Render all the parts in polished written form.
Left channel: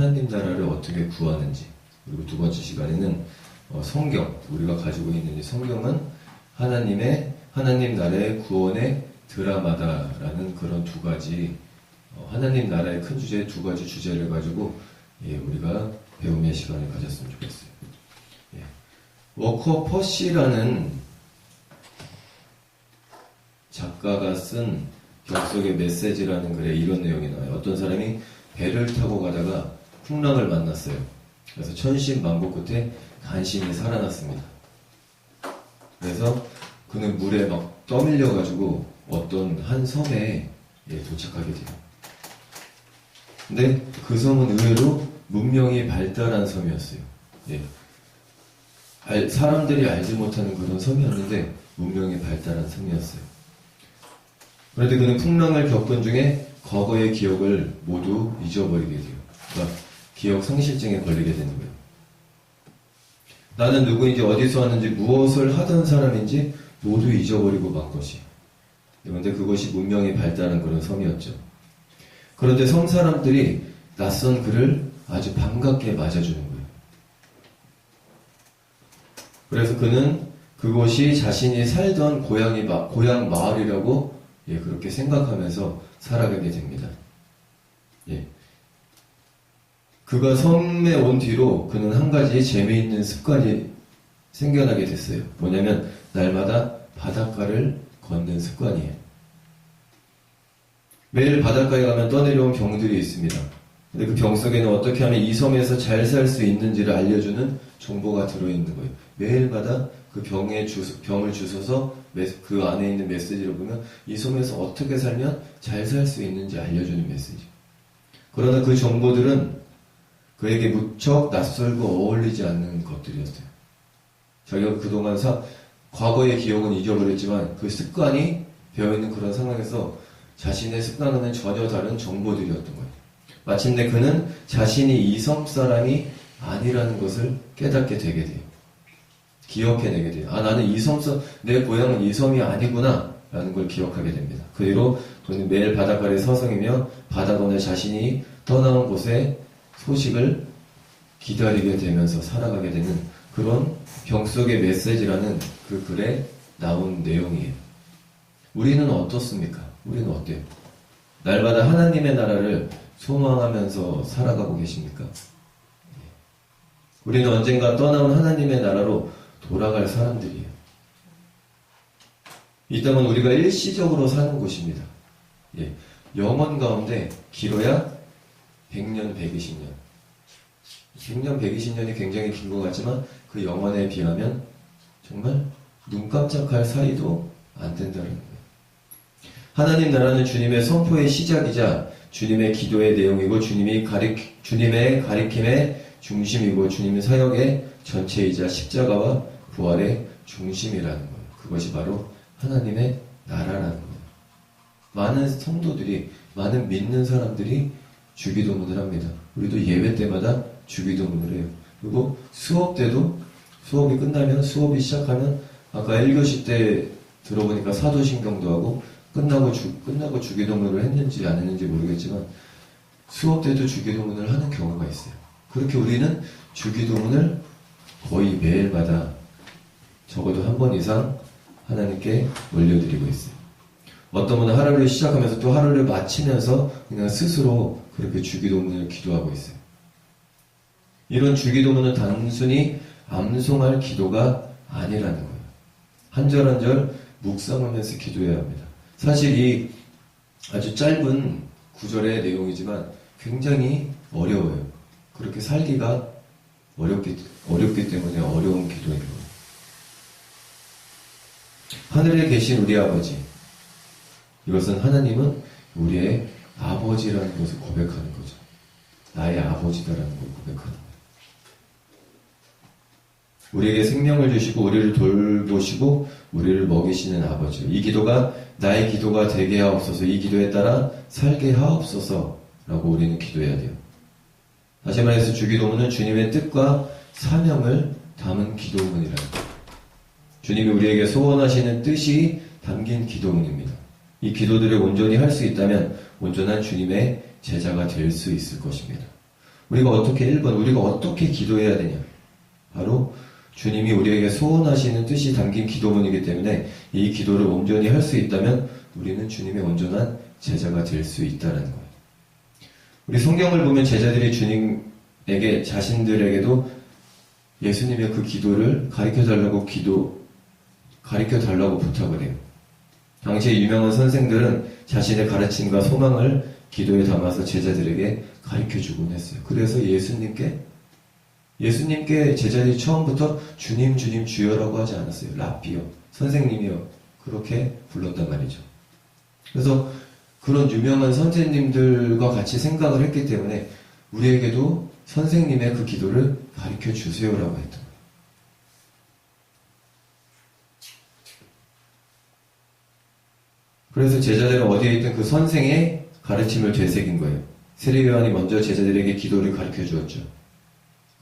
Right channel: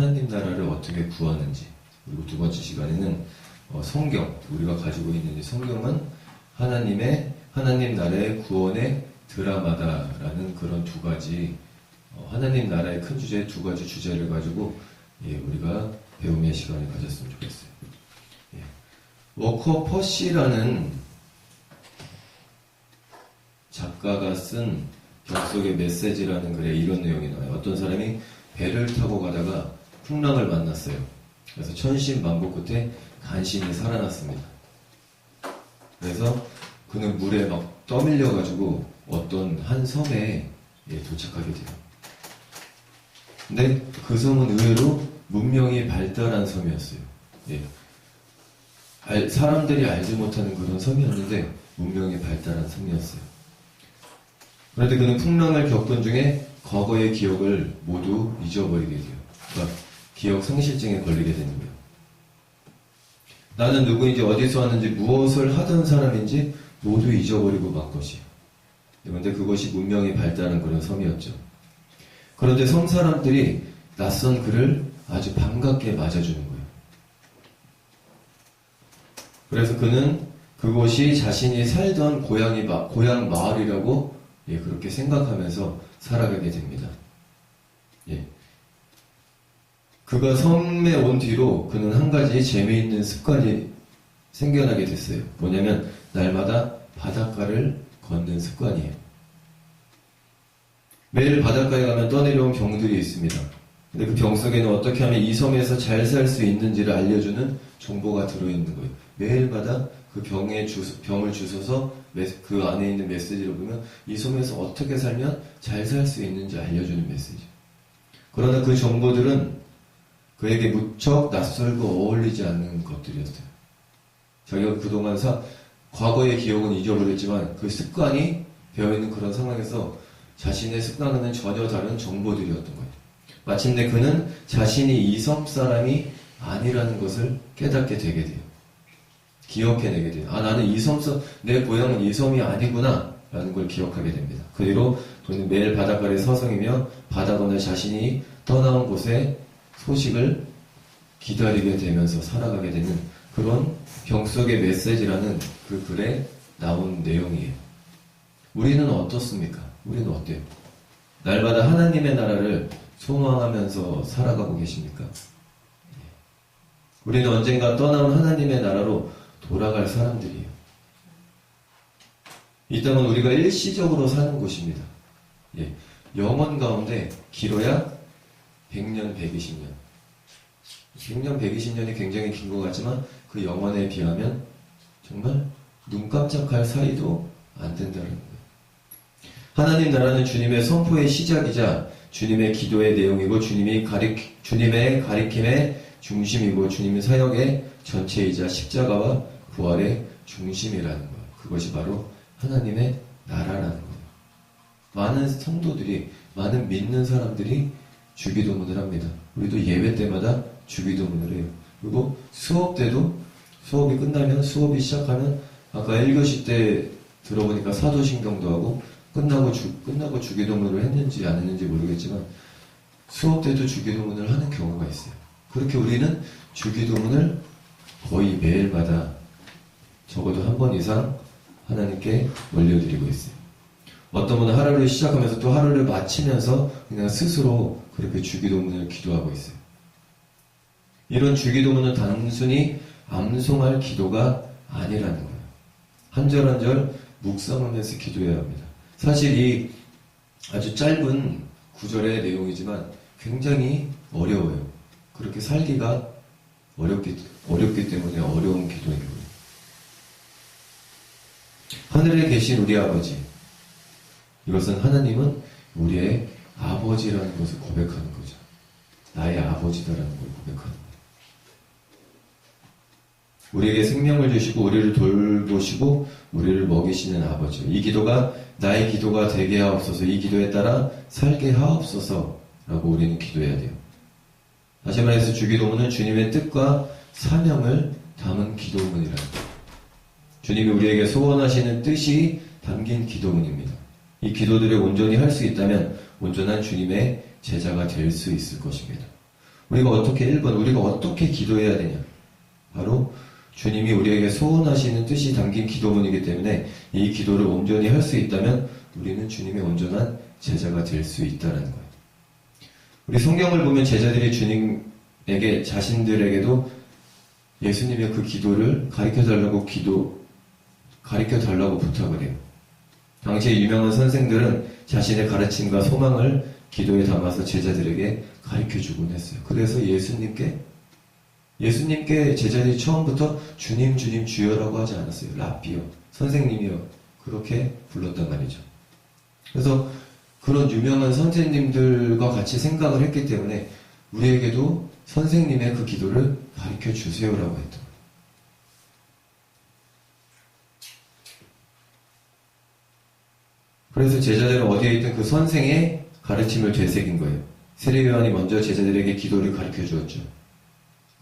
하나님 나라를 어떻게 구하는지, 그리고 두 번째 시간에는 성경, 우리가 가지고 있는 이 성경은 하나님 나라의 구원의 드라마다라는 그런 두 가지, 하나님 나라의 큰 주제 두 가지 주제를 가지고 우리가 배움의 시간을 가졌으면 좋겠어요. 워커 퍼시라는 작가가 쓴 벽속의 메시지라는 글에 이런 내용이 나와요. 어떤 사람이 배를 타고 가다가 풍랑을 만났어요. 그래서 천신만고 끝에 간신히 살아났습니다. 그래서 그는 물에 막 떠밀려가지고 어떤 한 섬에 도착하게 돼요. 근데 그 섬은 의외로 문명이 발달한 섬이었어요. 사람들이 알지 못하는 그런 섬이었는데 문명이 발달한 섬이었어요. 그런데 그는 풍랑을 겪은 중에 과거의 기억을 모두 잊어버리게 돼요. 그러니까 기억 상실증에 걸리게 되는 거예요. 나는 누구인지, 어디서 왔는지, 무엇을 하던 사람인지 모두 잊어버리고 만 것이에요. 그런데 그것이 문명이 발달한 그런 섬이었죠. 그런데 섬 사람들이 낯선 그를 아주 반갑게 맞아주는 거예요. 그래서 그는 그곳이 자신이 살던 고향 마을이라고 그렇게 생각하면서 살아가게 됩니다. 그가 섬에 온 뒤로 그는 한 가지 재미있는 습관이 생겨나게 됐어요. 뭐냐면 날마다 바닷가를 걷는 습관이에요. 매일 바닷가에 가면 떠내려온 병들이 있습니다. 근데 그 병 속에는 어떻게 하면 이 섬에서 잘 살 수 있는지를 알려주는 정보가 들어있는 거예요. 매일마다 그 병을 주워서 그 안에 있는 메시지를 보면 이 섬에서 어떻게 살면 잘 살 수 있는지 알려주는 메시지. 그러나 그 정보들은 그에게 무척 낯설고 어울리지 않는 것들이었어요. 자기가 그동안 과거의 기억은 잊어버렸지만 그 습관이 배어있는 그런 상황에서 자신의 습관과는 전혀 다른 정보들이었던 거예요. 마침내 그는 자신이 이 섬 사람이 아니라는 것을 깨닫게 되게 돼요. 기억해내게 돼요. 나는 내 고향은 이 섬이 아니구나 라는 걸 기억하게 됩니다. 그 뒤로 그는 매일 바닷가에 서성이며 바다건너 자신이 떠나온 곳의 소식을 기다리게 되면서 살아가게 되는 그런 병 속의 메시지라는 그 글에 나온 내용이에요. 우리는 어떻습니까? 우리는 어때요? 날마다 하나님의 나라를 소망하면서 살아가고 계십니까? 우리는 언젠가 떠나온 하나님의 나라로 돌아갈 사람들이에요. 이 땅은 우리가 일시적으로 사는 곳입니다. 영원 가운데 길어야 100년, 120년. 100년, 120년이 굉장히 긴 것 같지만 그 영원에 비하면 정말 눈 깜짝할 사이도 안 된다는 거예요. 하나님 나라는 주님의 선포의 시작이자 주님의 기도의 내용이고 주님의 가리킴의 중심이고 주님의 사역의 전체이자 십자가와 부활의 중심이라는 거예요. 그것이 바로 하나님의 나라라는 거예요. 많은 성도들이, 많은 믿는 사람들이 주기도문을 합니다. 우리도 예배 때마다 주기도문을 해요. 그리고 수업이 끝나면, 수업이 시작하면 아까 1교시 때 들어보니까 사도신경도 하고 끝나고 주기도문을 했는지 안 했는지 모르겠지만 수업 때도 주기도문을 하는 경우가 있어요. 그렇게 우리는 주기도문을 거의 매일마다 적어도 한 번 이상 하나님께 올려드리고 있어요. 어떤 분은 하루를 시작하면서 또 하루를 마치면서 그냥 스스로 그렇게 주기도문을 기도하고 있어요. 이런 주기도문은 단순히 암송할 기도가 아니라는 거예요. 한 절 한 절 묵상하면서 기도해야 합니다. 사실 이 아주 짧은 구절의 내용이지만 굉장히 어려워요. 그렇게 살기가 어렵기 때문에 어려운 기도인 거예요. 하늘에 계신 우리 아버지, 이것은 하나님은 우리의 아버지라는 것을 고백하는 거죠. 나의 아버지다라는 걸 고백하는 거예요. 우리에게 생명을 주시고 우리를 돌보시고 우리를 먹이시는 아버지. 이 기도가 나의 기도가 되게 하옵소서, 이 기도에 따라 살게 하옵소서 라고 우리는 기도해야 돼요. 다시 말해서 주기도문은 주님의 뜻과 사명을 담은 기도문이라는 거예요. 주님이 우리에게 소원하시는 뜻이 담긴 기도문입니다. 이 기도들을 온전히 할 수 있다면 온전한 주님의 제자가 될 수 있을 것입니다. 우리가 어떻게 1번 우리가 어떻게 기도해야 되냐? 바로 주님이 우리에게 소원하시는 뜻이 담긴 기도문이기 때문에 이 기도를 온전히 할 수 있다면 우리는 주님의 온전한 제자가 될 수 있다는 거예요. 우리 성경을 보면 제자들이 주님에게 자신들에게도 예수님의 그 기도를 가르쳐달라고 부탁을 해요. 당시에 유명한 선생들은 자신의 가르침과 소망을 기도에 담아서 제자들에게 가르쳐주곤 했어요. 그래서 예수님께 제자들이 처음부터 주님, 주님, 주여라고 하지 않았어요. 랍비요, 선생님이요. 그렇게 불렀단 말이죠. 그래서 그런 유명한 선생님들과 같이 생각을 했기 때문에 우리에게도 선생님의 그 기도를 가르쳐 주세요라고 했던 거예요. 그래서 제자들은 어디에 있든 그 선생의 가르침을 되새긴 거예요. 세례 요한이 먼저 제자들에게 기도를 가르쳐 주었죠.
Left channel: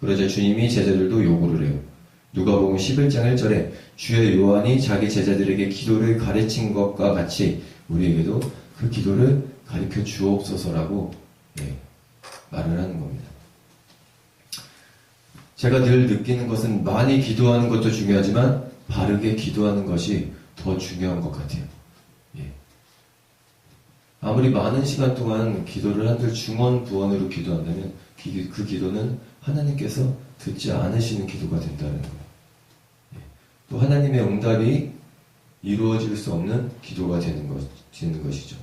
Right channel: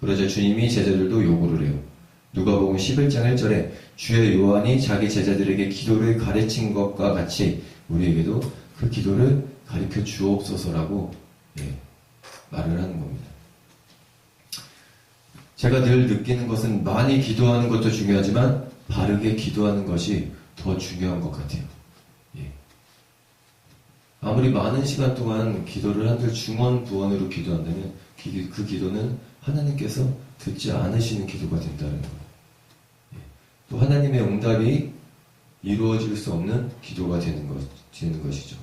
그러자 주님이 제자들도 요구를 해요. 누가복음 11장 1절에 주의 요한이 자기 제자들에게 기도를 가르친 것과 같이 우리에게도 그 기도를 가르쳐 주옵소서라고 말을 하는 겁니다. 제가 늘 느끼는 것은 많이 기도하는 것도 중요하지만 바르게 기도하는 것이 더 중요한 것 같아요. 아무리 많은 시간 동안 기도를 한들 중언부언으로 기도한다면 그 기도는 하나님께서 듣지 않으시는 기도가 된다는 거예요. 또 하나님의 응답이 이루어질 수 없는 기도가 되는 것이죠.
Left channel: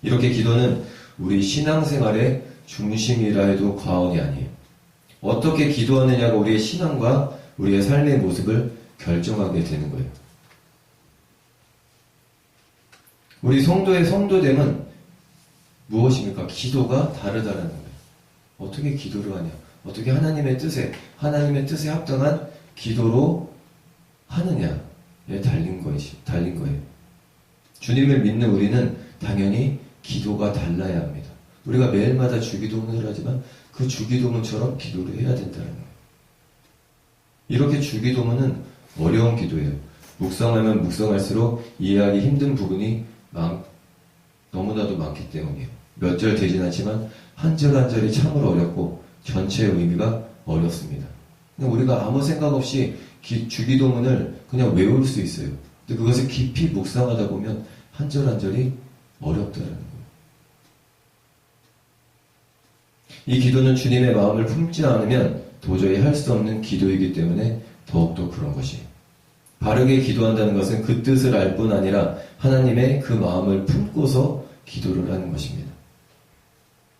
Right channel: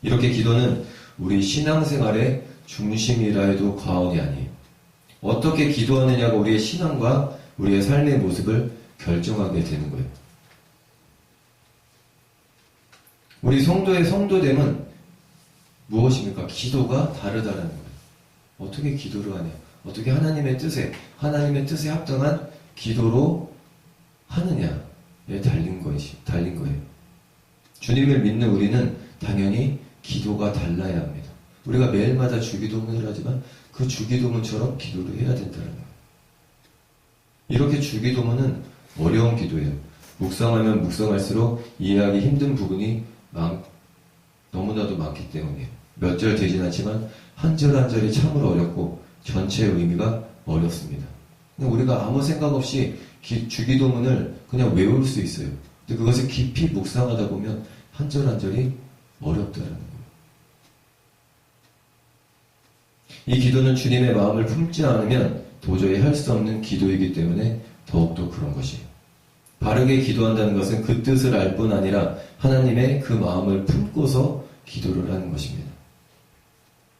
이렇게 기도는 우리 신앙생활의 중심이라 해도 과언이 아니에요. 어떻게 기도하느냐가 우리의 신앙과 우리의 삶의 모습을 결정하게 되는 거예요. 우리 성도의 성도됨은 무엇입니까? 기도가 다르다는 거예요. 어떻게 기도를 하냐? 어떻게 하나님의 뜻에 합당한 기도로 하느냐에 달린 거예요. 주님을 믿는 우리는 당연히 기도가 달라야 합니다. 우리가 매일마다 주기도문을 하지만 그 주기도문처럼 기도를 해야 된다는 거예요. 이렇게 주기도문은 어려운 기도예요. 묵상하면 묵상할수록 이해하기 힘든 부분이 너무나도 많기 때문이에요. 몇 절 되진 않지만 한 절 한 절이 참으로 어렵고 전체의 의미가 어렵습니다. 우리가 아무 생각 없이 주기도문을 그냥 외울 수 있어요. 근데 그것을 깊이 묵상하다 보면 한 절 한 절이 어렵다는 거예요. 이 기도는 주님의 마음을 품지 않으면 도저히 할 수 없는 기도이기 때문에 더욱더 그런 것이에요. 바르게 기도한다는 것은 그 뜻을 알 뿐 아니라 하나님의 그 마음을 품고서 기도를 하는 것입니다.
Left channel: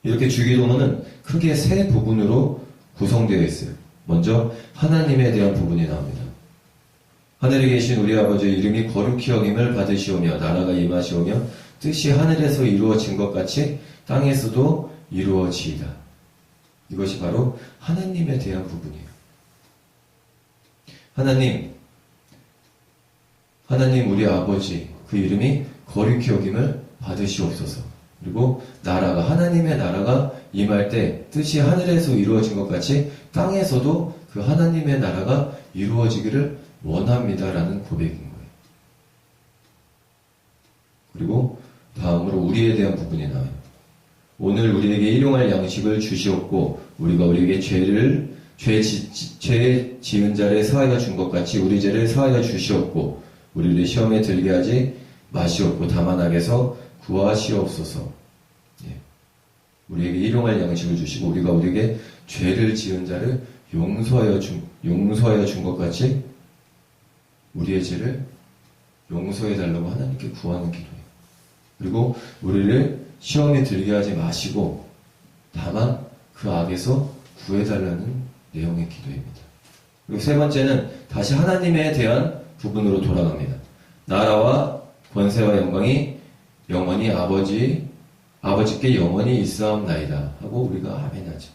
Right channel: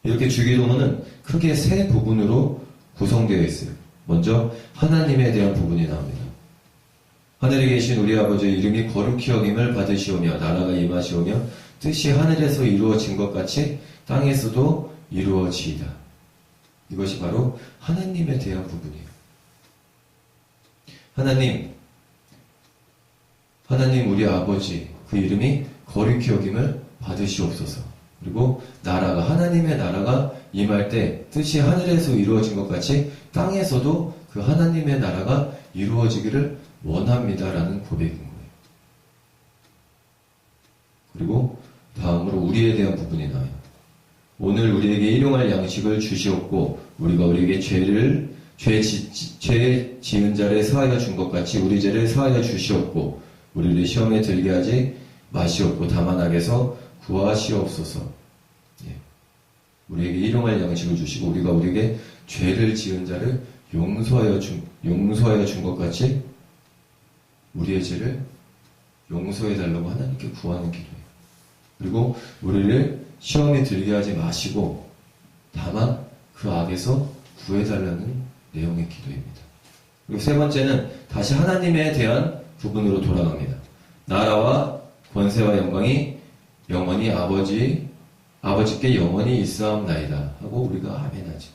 이렇게 주기도문은 크게 세 부분으로 구성되어 있어요. 먼저 하나님에 대한 부분이 나옵니다. 하늘에 계신 우리 아버지의 이름이 거룩히 여김을 받으시오며 나라가 임하시오며 뜻이 하늘에서 이루어진 것 같이 땅에서도 이루어지이다. 이것이 바로 하나님에 대한 부분이에요. 하나님 우리 아버지 그 이름이 거룩히 여김을 받으시옵소서. 그리고 하나님의 나라가 임할 때 뜻이 하늘에서 이루어진 것 같이 땅에서도 그 하나님의 나라가 이루어지기를 원합니다라는 고백인 거예요. 그리고 다음으로 우리에 대한 부분이 나와요. 오늘 우리에게 일용할 양식을 주시옵고 우리가 우리에게 죄 지은 자를 사하여 준 것 같이 우리 죄를 사하여 주시옵고 우리를 시험에 들게 하지 마시옵고 다만 악에서 구하시옵소서. 우리에게 일용할 양식을 주시고 우리가 우리에게 죄를 지은 자를 용서하여 준 것 같이 우리의 죄를 용서해 달라고 하나님께 구하는 기도예요. 그리고 우리를 시험에 들게 하지 마시고 다만 그 악에서 구해달라는 내용의 기도입니다. 그리고 세 번째는 다시 하나님에 대한 부분으로 돌아갑니다. 나라와 권세와 영광이 영원히 아버지께 영원히 있사옵나이다 하고 우리가 아멘하죠.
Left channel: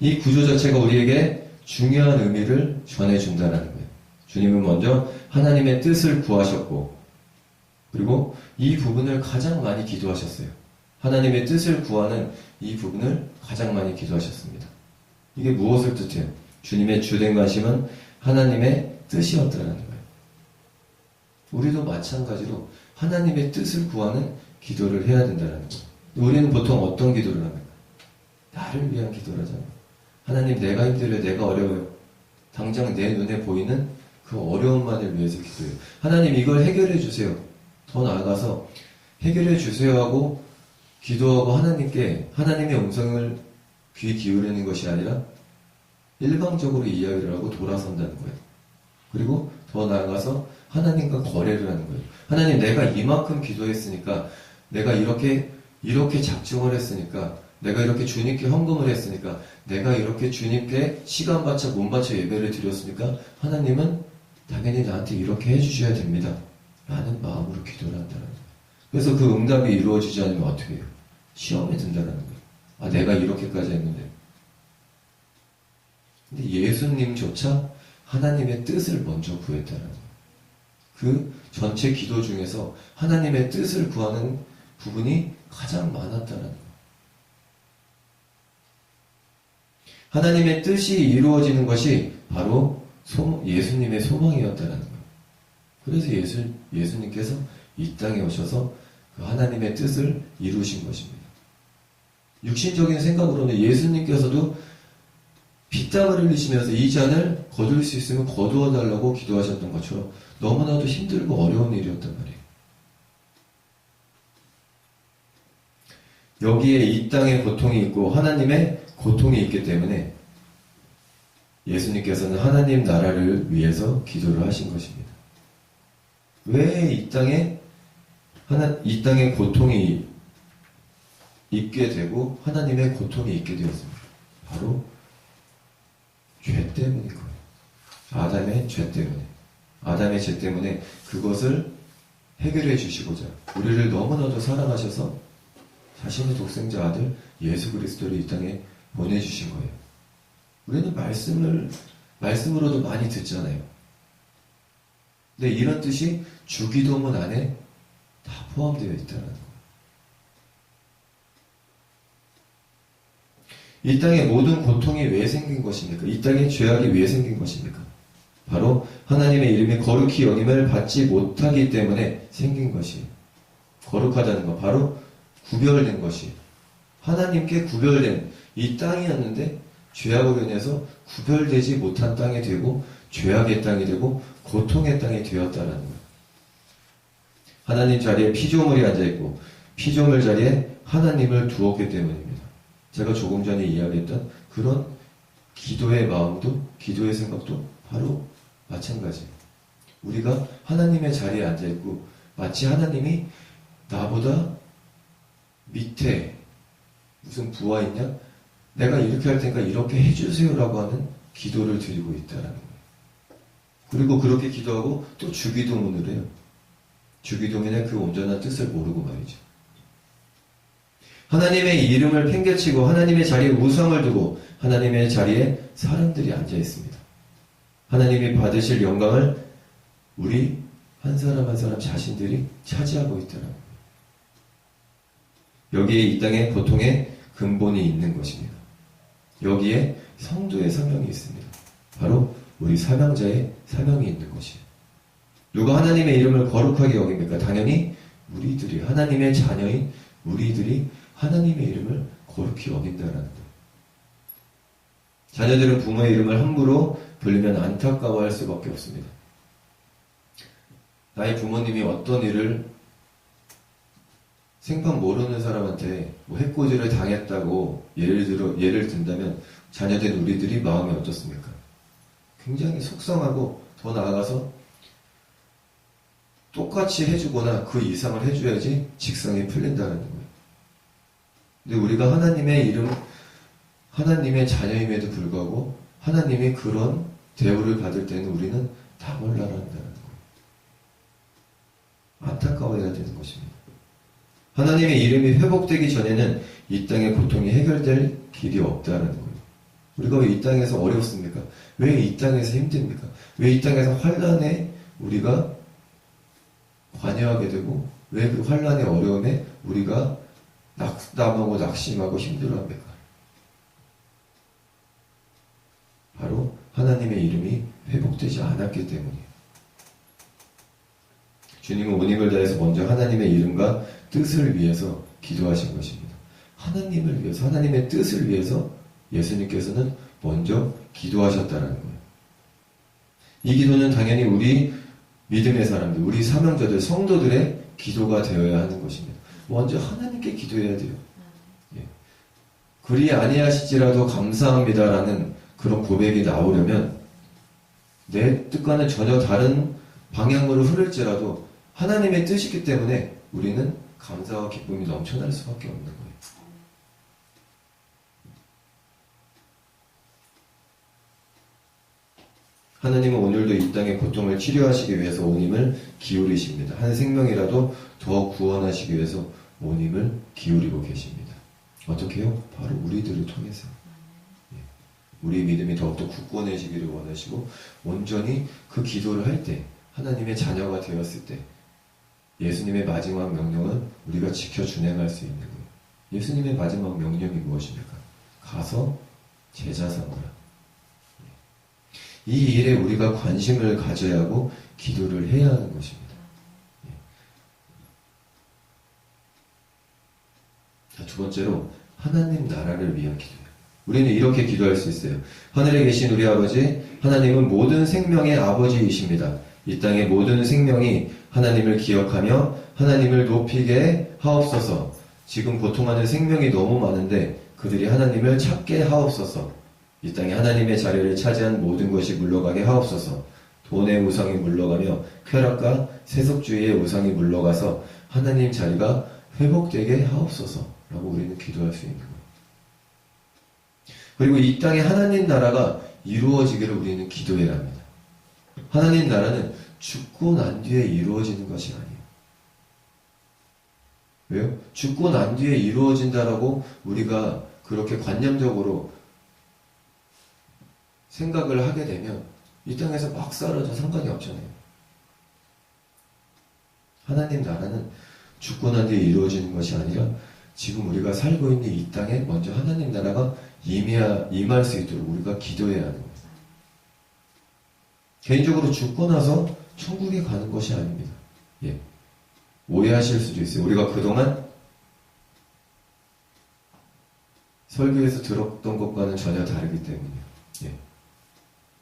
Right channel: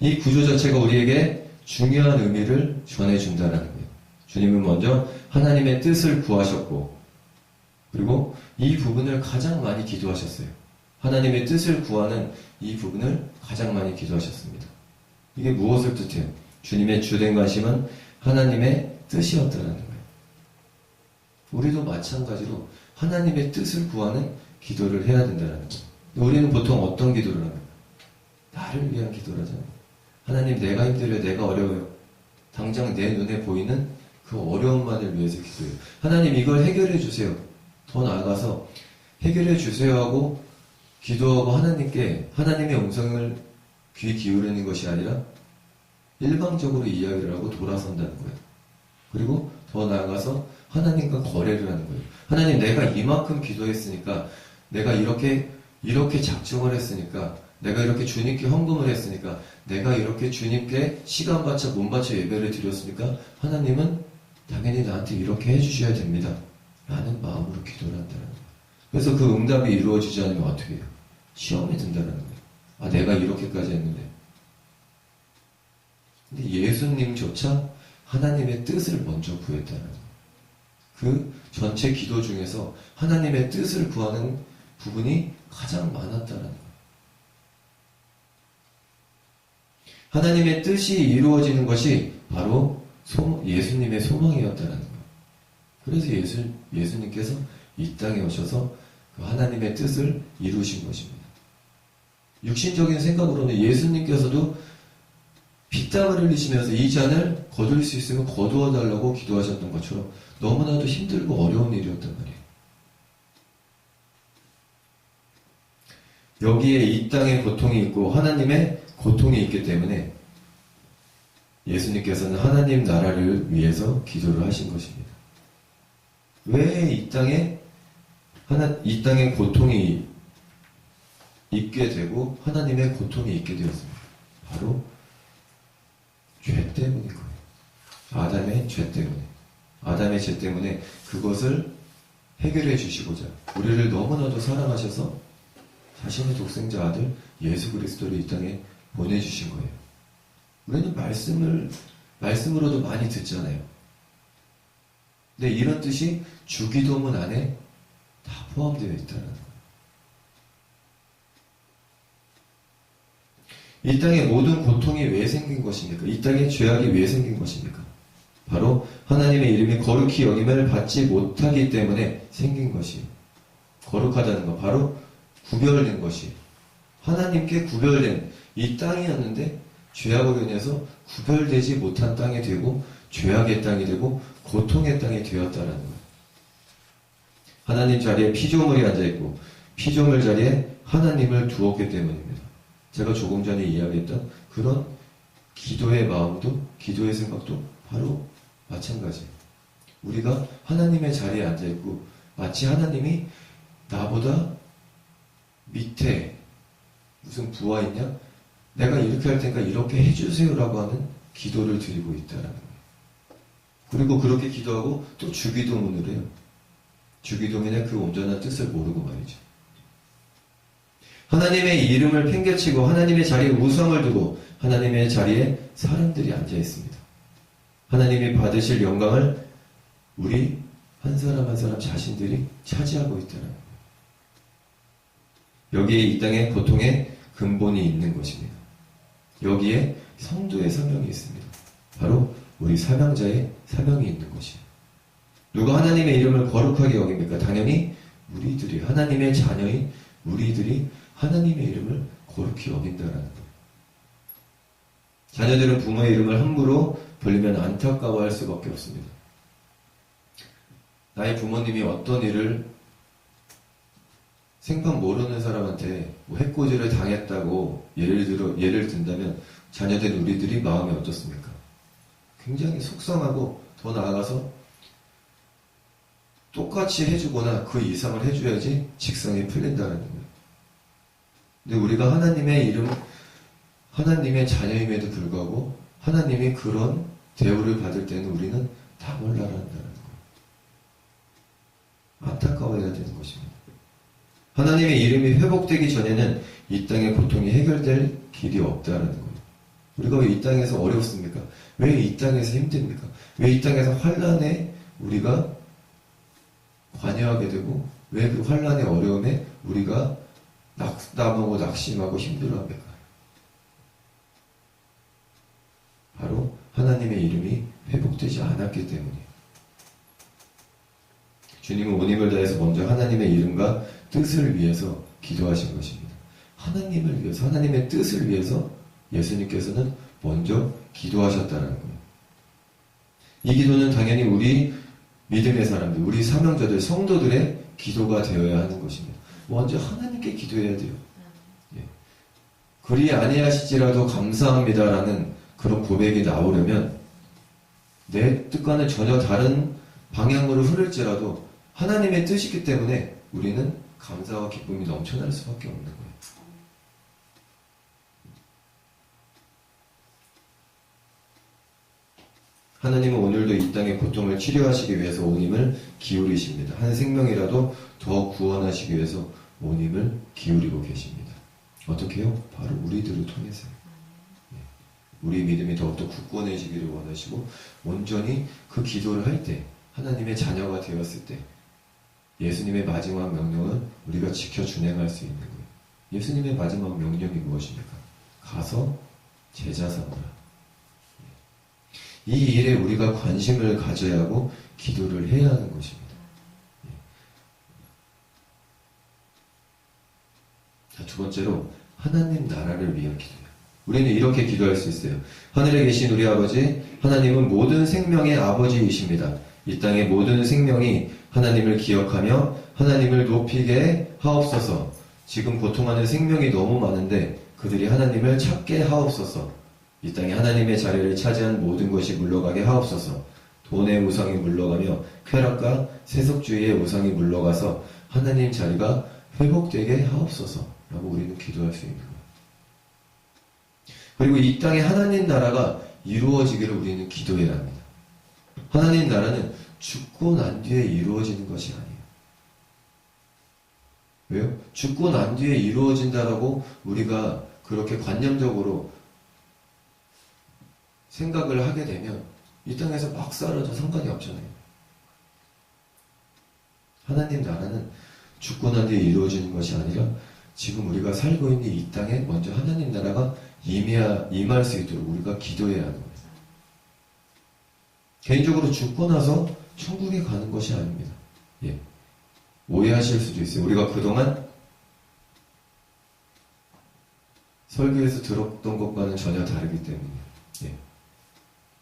이 구조 자체가 우리에게 중요한 의미를 전해준다는 거예요. 주님은 먼저 하나님의 뜻을 구하셨고 그리고 이 부분을 가장 많이 기도하셨어요. 하나님의 뜻을 구하는 이 부분을 가장 많이 기도하셨습니다. 이게 무엇을 뜻해요? 주님의 주된 관심은 하나님의 뜻이었더라는 거예요. 우리도 마찬가지로 하나님의 뜻을 구하는 기도를 해야 된다는 거예요. 우리는 보통 어떤 기도를 합니까? 나를 위한 기도를 하잖아요. 하나님 내가 힘들어요. 내가 어려워요. 당장 내 눈에 보이는 그 어려움만을 위해서 기도해요. 하나님 이걸 해결해 주세요. 더 나아가서 해결해 주세요 하고 기도하고 하나님께 하나님의 음성을 귀 기울이는 것이 아니라 일방적으로 이야기를 하고 돌아선다는 거예요. 그리고 더 나아가서 하나님과 거래를 하는 거예요. 하나님 내가 이만큼 기도했으니까 내가 이렇게 작정을 했으니까 내가 이렇게 주님께 헌금을 했으니까 내가 이렇게 주님께 시간 바쳐 몸 바쳐 예배를 드렸으니까 하나님은 당연히 나한테 이렇게 해주셔야 됩니다. 라는 마음으로 기도를 한다는 거예요. 그래서 그 응답이 이루어지지 않으면 어떻게 해요? 시험에 든다는 거예요. 아 내가 이렇게까지 했는데. 근데 예수님조차 하나님의 뜻을 먼저 구했다는 거예요. 그 전체 기도 중에서 하나님의 뜻을 구하는 부분이 가장 많았다는 거예요. 하나님의 뜻이 이루어지는 것이 바로 예수님의 소망이었다는 거예요. 그래서 예수님께서 이 땅에 오셔서 그 하나님의 뜻을 이루신 것입니다. 육신적인 생각으로는 예수님께서도 피땀을 흘리시면서 이 잔을 거둘 수 있으면 거두어 달라고 기도하셨던 것처럼 너무나도 힘들고 어려운 일이었단 말이에요. 여기에 이 땅에 고통이 있고 하나님의 고통이 있기 때문에 예수님께서는 하나님 나라를 위해서 기도를 하신 것입니다. 왜 이 땅에 고통이 있게 되고 하나님의 고통이 있게 되었습니까? 바로 죄 때문인 거예요. 아담의 죄 때문에. 아담의 죄 때문에 그것을 해결해 주시고자 우리를 너무나도 사랑하셔서 자신의 독생자 아들 예수 그리스도를 이 땅에 보내주신 거예요. 우리는 말씀으로도 많이 듣잖아요. 근데 이런 뜻이 주기도문 안에 다 포함되어 있다는 거예요. 이 땅에 모든 고통이 왜 생긴 것입니까? 이 땅에 죄악이 왜 생긴 것입니까? 바로 하나님의 이름이 거룩히 여김을 받지 못하기 때문에 생긴 것이에요. 거룩하다는 것, 바로 구별된 것이에요. 하나님께 구별된 이 땅이었는데 죄악으로 인해서 구별되지 못한 땅이 되고 죄악의 땅이 되고 고통의 땅이 되었다는 거예요. 하나님 자리에 피조물이 앉아있고 피조물 자리에 하나님을 두었기 때문입니다. 제가 조금 전에 이야기했던 그런 기도의 마음도 기도의 생각도 바로 마찬가지예요. 우리가 하나님의 자리에 앉아있고 마치 하나님이 나보다 밑에 무슨 부하 있냐? 내가 이렇게 할 테니까 이렇게 해주세요라고 하는 기도를 드리고 있다는 거예요. 그리고 그렇게 기도하고 또 주기도문을 해요. 주기도문의 그 온전한 뜻을 모르고 말이죠. 하나님의 이름을 팽개치고 하나님의 자리에 우상을 두고 하나님의 자리에 사람들이 앉아 있습니다. 하나님이 받으실 영광을 우리 한 사람 한 사람 자신들이 차지하고 있다는 거예요. 여기에 이 땅의 고통의 근본이 있는 것입니다. 여기에 성도의 사명이 있습니다. 바로 우리 사명자의 사명이 있는 것이에요. 누가 하나님의 이름을 거룩하게 여깁니까? 당연히 우리들이 하나님의 자녀인 우리들이 하나님의 이름을 거룩히 여긴다는 거예요. 자녀들은 부모의 이름을 함부로 불리면 안타까워할 수밖에 없습니다. 나의 부모님이 어떤 일을 생판 모르는 사람한테 뭐 해코지를 당했다고 예를 든다면 자녀된 우리들이 마음이 어떻습니까? 굉장히 속상하고 더 나아가서 똑같이 해주거나 그 이상을 해줘야지 직성이 풀린다는 거예요. 근데 우리가 하나님의 자녀임에도 불구하고 하나님이 그런 대우를 받을 때는 우리는 다 몰라한다는 거예요. 안타까워해야 되는 것입니다. 하나님의 이름이 회복되기 전에는 이 땅의 고통이 해결될 길이 없다는 거예요. 우리가 왜 이 땅에서 어렵습니까? 왜 이 땅에서 힘듭니까? 왜 이 땅에서 환난에 우리가 관여하게 되고 왜 그 환난의 어려움에 우리가 낙담하고 낙심하고 힘들어합니까? 바로 하나님의 이름이 회복되지 않았기 때문이에요. 주님은 온 힘을 다해서 먼저 하나님의 이름과 뜻을 위해서 기도하신 것입니다. 하나님을 위해서, 하나님의 뜻을 위해서 예수님께서는 먼저 기도하셨다는 거예요. 이 기도는 당연히 우리 믿음의 사람들, 우리 사명자들, 성도들의 기도가 되어야 하는 것입니다. 먼저 하나님께 기도해야 돼요. 예. 그리 아니하시지라도 감사합니다라는 그런 고백이 나오려면 내 뜻과는 전혀 다른 방향으로 흐를지라도 하나님의 뜻이기 때문에 우리는 감사와 기쁨이 넘쳐날 수밖에 없는 거예요. 하나님은 오늘도 이 땅의 고통을 치료하시기 위해서 온 힘을 기울이십니다. 한 생명이라도 더 구원하시기 위해서 온 힘을 기울이고 계십니다. 어떻게요? 바로 우리들을 통해서요. 우리 믿음이 더욱더 굳건해지기를 원하시고 온전히 그 기도를 할 때 하나님의 자녀가 되었을 때 예수님의 마지막 명령을 우리가 지켜 준행할 수 있는 거예요. 예수님의 마지막 명령이 무엇입니까? 가서 제자 삼으라. 이 일에 우리가 관심을 가져야 하고 기도를 해야 하는 것입니다. 자, 두 번째로 하나님 나라를 위한 기도예요. 우리는 이렇게 기도할 수 있어요. 하늘에 계신 우리 아버지, 하나님은 모든 생명의 아버지이십니다. 이 땅의 모든 생명이 하나님을 기억하며 하나님을 높이게 하옵소서. 지금 고통하는 생명이 너무 많은데 그들이 하나님을 찾게 하옵소서. 이 땅에 하나님의 자리를 차지한 모든 것이 물러가게 하옵소서. 돈의 우상이 물러가며 쾌락과 세속주의의 우상이 물러가서 하나님 자리가 회복되게 하옵소서. 라고 우리는 기도할 수 있는 거예요. 그리고 이 땅에 하나님 나라가 이루어지기를 우리는 기도해야 합니다. 하나님 나라는 죽고 난 뒤에 이루어지는 것이 아니에요. 왜요? 죽고 난 뒤에 이루어진다라고 우리가 그렇게 관념적으로 생각을 하게 되면 이 땅에서 막 사라져 상관이 없잖아요. 하나님 나라는 죽고 난 뒤에 이루어지는 것이 아니라 지금 우리가 살고 있는 이 땅에 먼저 하나님 나라가 임할 수 있도록 우리가 기도해야 하는 거예요. 개인적으로 죽고 나서 천국에 가는 것이 아닙니다. 예. 오해하실 수도 있어요. 우리가 그동안 설교에서 들었던 것과는 전혀 다르기 때문이에요. 예.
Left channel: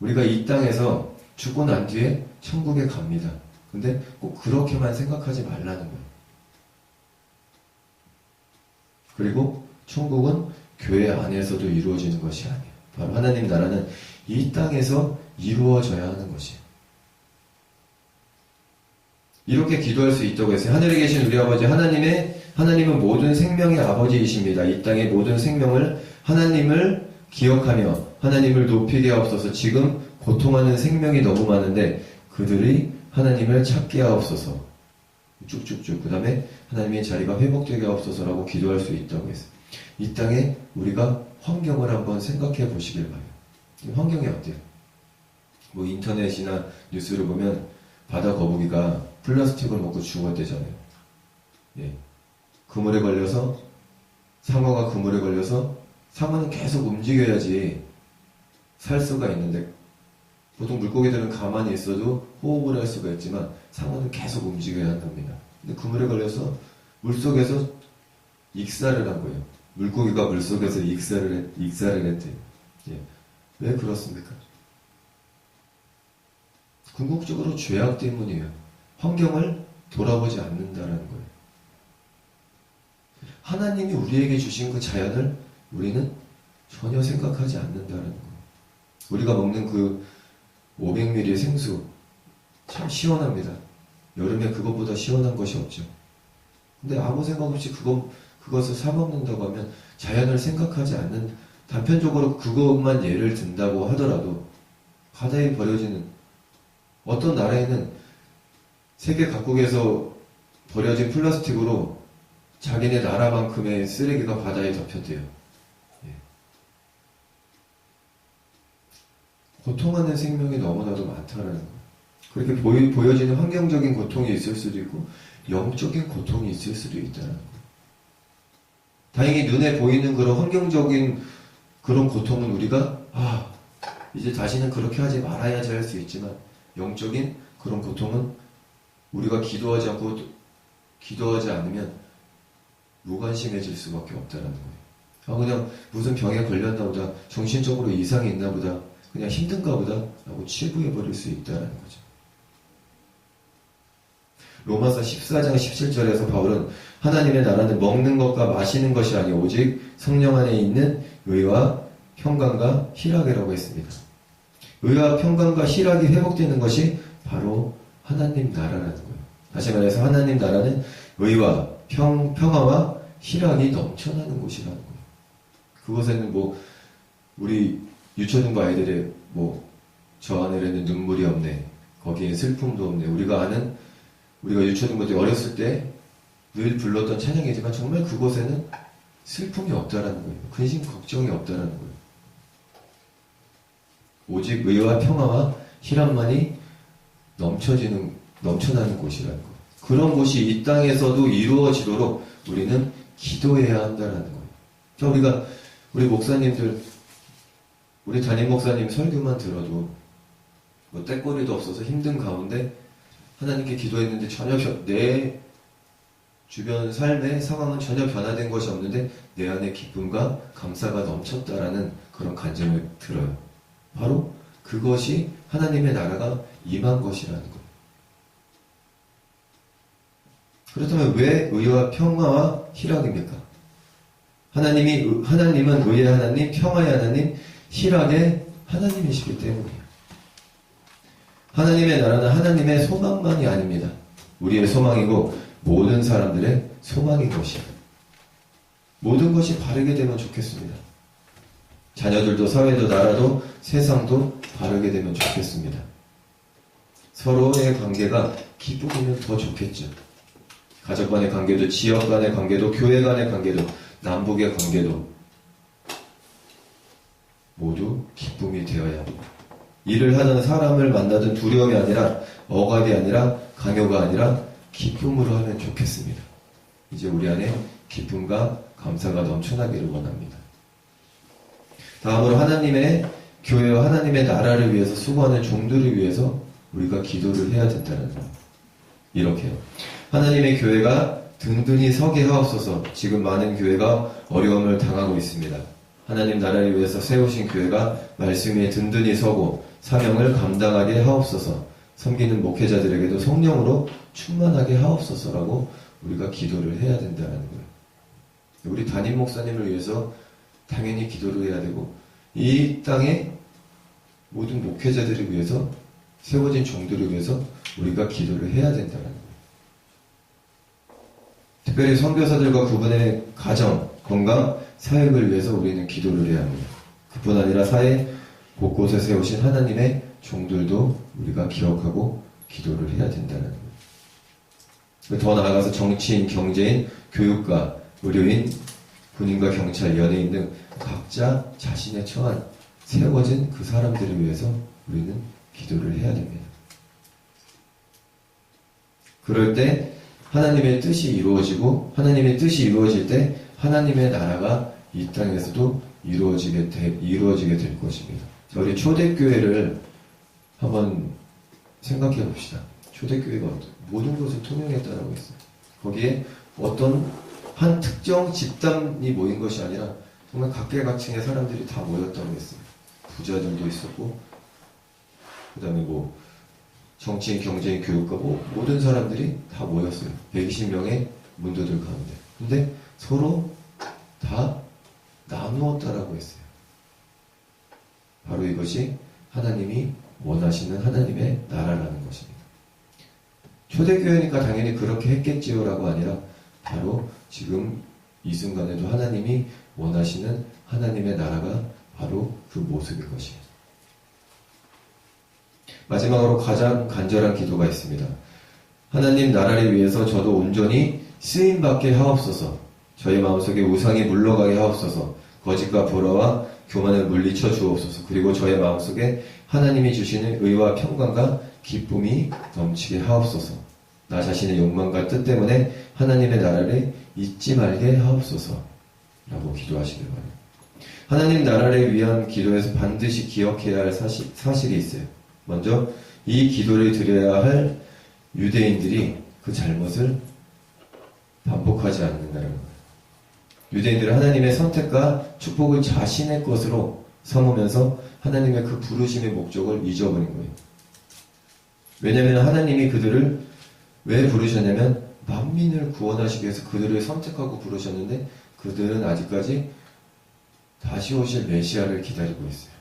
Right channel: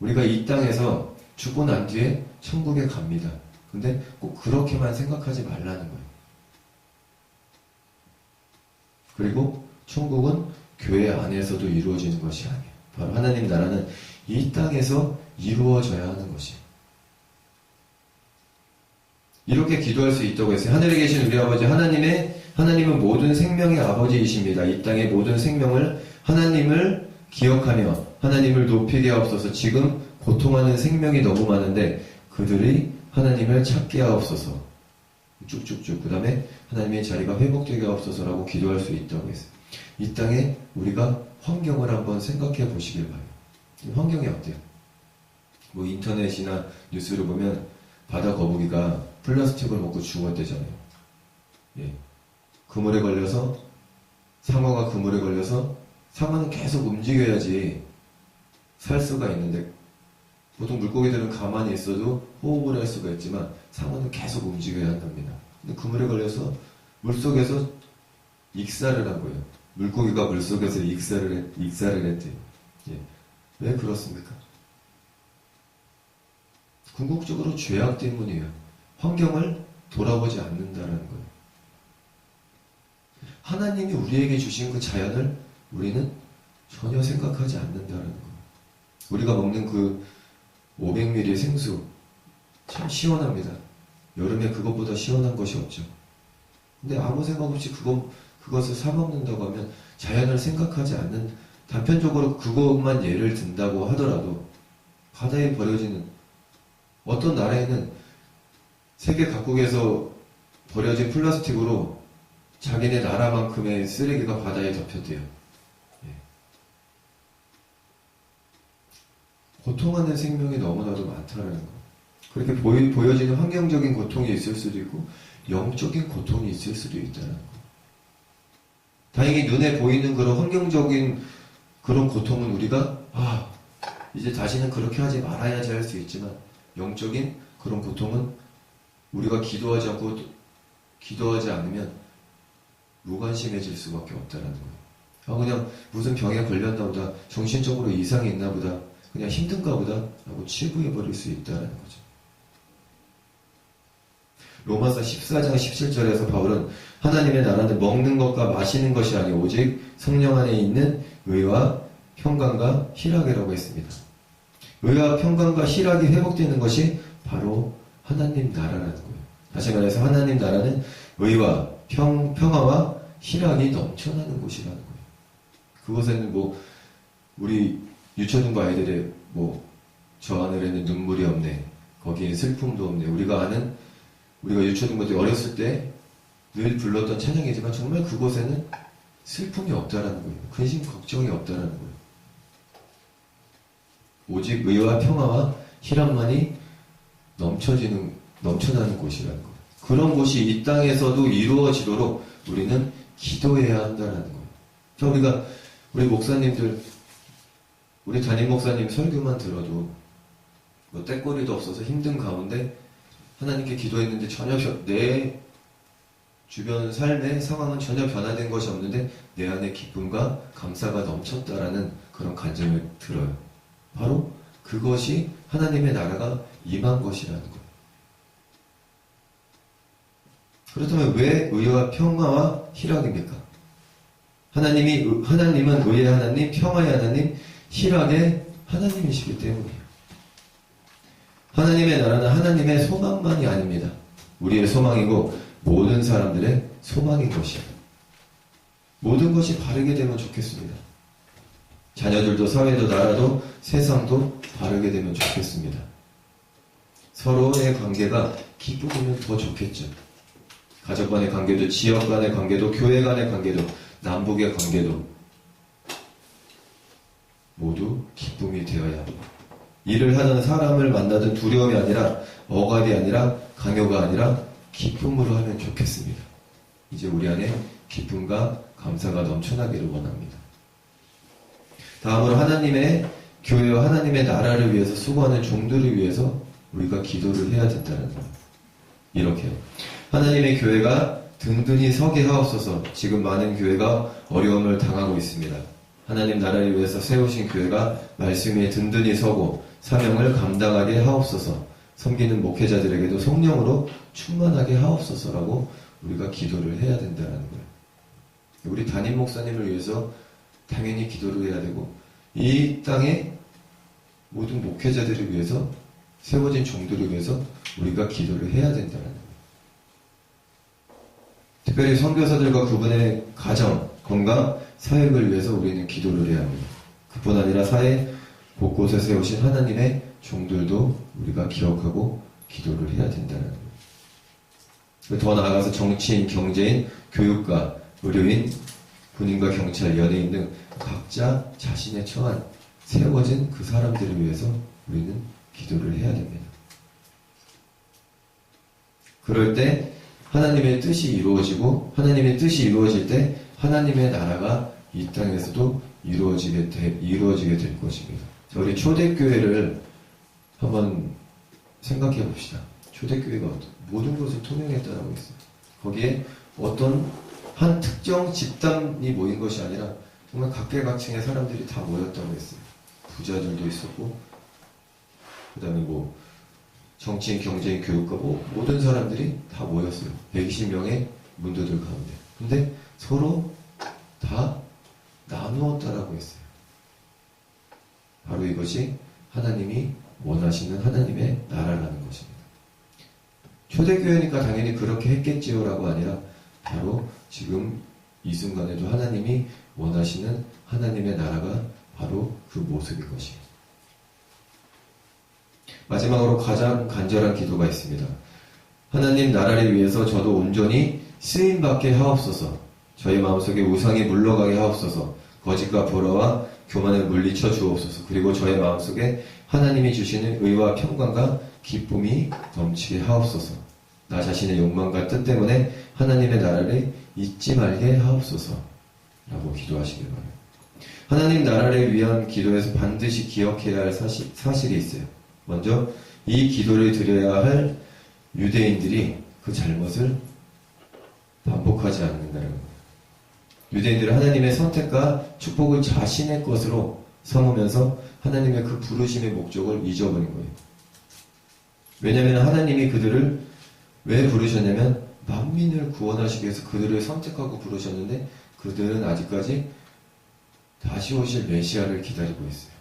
우리가 이 땅에서 죽고 난 뒤에 천국에 갑니다. 근데 꼭 그렇게만 생각하지 말라는 거예요. 그리고 천국은 교회 안에서도 이루어지는 것이 아니에요. 바로 하나님 나라는 이 땅에서 이루어져야 하는 것이에요. 이렇게 기도할 수 있다고 했어요. 하늘에 계신 우리 아버지 하나님은 모든 생명의 아버지이십니다. 이 땅의 모든 생명을 하나님을 기억하며 하나님을 높이게 하옵소서. 지금 고통하는 생명이 너무 많은데 그들이 하나님을 찾게 하옵소서. 쭉쭉쭉. 그 다음에 하나님의 자리가 회복되게 하옵소서라고 기도할 수 있다고 했어요. 이 땅에 우리가 환경을 한번 생각해 보시길 바라요. 환경이 어때요? 뭐 인터넷이나 뉴스를 보면 바다 거북이가 플라스틱을 먹고 죽었대잖아요. 예. 그물에 걸려서 상어가 그물에 걸려서 상어는 계속 움직여야지 살 수가 있는데 보통 물고기들은 가만히 있어도 호흡을 할 수가 있지만 상어는 계속 움직여야 한답니다. 근데 그물에 걸려서 물속에서 익사를 한 거예요. 물고기가 물속에서 익사를 했대요. 예. 왜 그렇습니까? 궁극적으로 죄악 때문이에요. 환경을 돌아보지 않는다라는 거예요. 하나님이 우리에게 주신 그 자연을 우리는 전혀 생각하지 않는다라는 거예요. 우리가 먹는 그 500ml 생수 참 시원합니다. 여름에 그것보다 시원한 것이 없죠. 근데 아무 생각 없이 그것을 사 먹는다고 하면 자연을 생각하지 않는, 단편적으로 그것만 예를 든다고 하더라도 바다에 버려지는, 어떤 나라에는 세계 각국에서 버려진 플라스틱으로 자기네 나라만큼의 쓰레기가 바다에 덮였대요. 예. 고통하는 생명이 너무나도 많다는 거. 그렇게 보여지는 환경적인 고통이 있을 수도 있고 영적인 고통이 있을 수도 있다는 거. 다행히 눈에 보이는 그런 환경적인 그런 고통은 우리가 이제 다시는 그렇게 하지 말아야지 할 수 있지만, 영적인 그런 고통은 우리가 기도하지 않으면 무관심해질 수밖에 없다는 거예요. 그냥 무슨 병에 걸렸나 보다, 정신적으로 이상이 있나 보다, 그냥 힘든가 보다 라고 치부해버릴 수 있다는 거죠. 로마서 14장 17절에서 바울은 하나님의 나라는 먹는 것과 마시는 것이 아니오 오직 성령 안에 있는 의와 평강과 희락이라고 했습니다. 의와 평강과 희락이 회복되는 것이 바로 하나님 나라라는 거예요. 다시 말해서 하나님 나라는 의와 평화와 희락이 넘쳐나는 곳이라는 거예요. 그곳에는 우리 유초등부 아이들의 저 하늘에는 눈물이 없네, 거기에 슬픔도 없네, 우리가 유초등부 때 어렸을 때 늘 불렀던 찬양이지만 정말 그곳에는 슬픔이 없다라는 거예요. 근심 걱정이 없다라는 거예요. 오직 의와 평화와 희락만이 넘쳐나는 곳이라는 거예요. 그런 곳이 이 땅에서도 이루어지도록 우리는 기도해야 한다는 거예요. 우리 목사님들, 우리 담임 목사님 설교만 들어도 떼거리도 없어서 힘든 가운데 하나님께 기도했는데 전혀 내 주변 삶의 상황은 전혀 변화된 것이 없는데 내 안에 기쁨과 감사가 넘쳤다라는 그런 간증을 들어요. 바로 그것이 하나님의 나라가 임한 것이라는 거예요. 그렇다면 왜 의와 평화와 희락입니까? 하나님은 의의 하나님, 평화의 하나님, 희락의 하나님이시기 때문이에요. 하나님의 나라는 하나님의 소망만이 아닙니다. 우리의 소망이고 모든 사람들의 소망인 것이에요. 모든 것이 바르게 되면 좋겠습니다. 자녀들도 사회도 나라도 세상도 바르게 되면 좋겠습니다. 서로의 관계가 기쁘면 더 좋겠죠. 가족 간의 관계도, 지역 간의 관계도, 교회 간의 관계도, 남북의 관계도 모두 기쁨이 되어야 합니다. 일을 하는 사람을 만나든 두려움이 아니라, 억압이 아니라, 강요가 아니라 기쁨으로 하면 좋겠습니다. 이제 우리 안에 기쁨과 감사가 넘쳐나기를 원합니다. 다음으로 하나님의 교회와 하나님의 나라를 위해서 수고하는 종들을 위해서 우리가 기도를 해야 된다는 거예요. 이렇게요. 하나님의 교회가 든든히 서게 하옵소서. 지금 많은 교회가 어려움을 당하고 있습니다. 하나님 나라를 위해서 세우신 교회가 말씀 위에 든든히 서고 사명을 감당하게 하옵소서. 섬기는 목회자들에게도 성령으로 충만하게 하옵소서라고 우리가 기도를 해야 된다는 거예요. 우리 담임 목사님을 위해서 당연히 기도를 해야 되고, 이 땅의 모든 목회자들을 위해서, 세워진 종들을 위해서 우리가 기도를 해야 된다는 거예요. 특별히 선교사들과 그분의 가정, 건강, 사역을 위해서 우리는 기도를 해야 합니다. 그뿐 아니라 사회 곳곳에 세우신 하나님의 종들도 우리가 기억하고 기도를 해야 된다는 거예요. 더 나아가서 정치인, 경제인, 교육가, 의료인, 군인과 경찰, 연예인 등 각자 자신의 처한 세워진 그 사람들을 위해서 우리는 기도를 해야 됩니다. 그럴 때 하나님의 뜻이 이루어지고, 하나님의 뜻이 이루어질 때 하나님의 나라가 이 땅에서도 이루어지게 될 것입니다. 우리 초대교회를 한번 생각해 봅시다. 초대교회가 모든 것을 통용했다라고 했어요. 거기에 어떤 한 특정 집단이 모인 것이 아니라 정말 각계각층의 사람들이 다 모였다고 했어요. 부자들도 있었고, 그 다음에 정치인, 경제인, 교육가, 모든 사람들이 다 모였어요. 120명의 문도들 가운데. 근데 서로 다 나누었다라고 했어요. 바로 이것이 하나님이 원하시는 하나님의 나라라는 것입니다. 초대교회니까 당연히 그렇게 했겠지요라고 아니라 바로 지금 이 순간에도 하나님이 원하시는 하나님의 나라가 바로 그 모습인 것이에요. 마지막으로 가장 간절한 기도가 있습니다. 하나님 나라를 위해서 저도 온전히 쓰임받게 하옵소서. 저희 마음속에 우상이 물러가게 하옵소서. 거짓과 불화와 교만을 물리쳐 주옵소서. 그리고 저의 마음속에 하나님이 주시는 의와 평강과 기쁨이 넘치게 하옵소서. 나 자신의 욕망과 뜻 때문에 하나님의 나라를 잊지 말게 하옵소서. 라고 기도하시길 바라요. 하나님 나라를 위한 기도에서 반드시 기억해야 할 사실이 있어요. 먼저 이 기도를 드려야 할 유대인들이 그 잘못을 반복하지 않는다는 거예요. 유대인들은 하나님의 선택과 축복을 자신의 것으로 삼으면서 하나님의 그 부르심의 목적을 잊어버린 거예요. 왜냐하면 하나님이 그들을 왜 부르셨냐면 만민을 구원하시기 위해서 그들을 선택하고 부르셨는데 그들은 아직까지 다시 오실 메시아를 기다리고 있어요.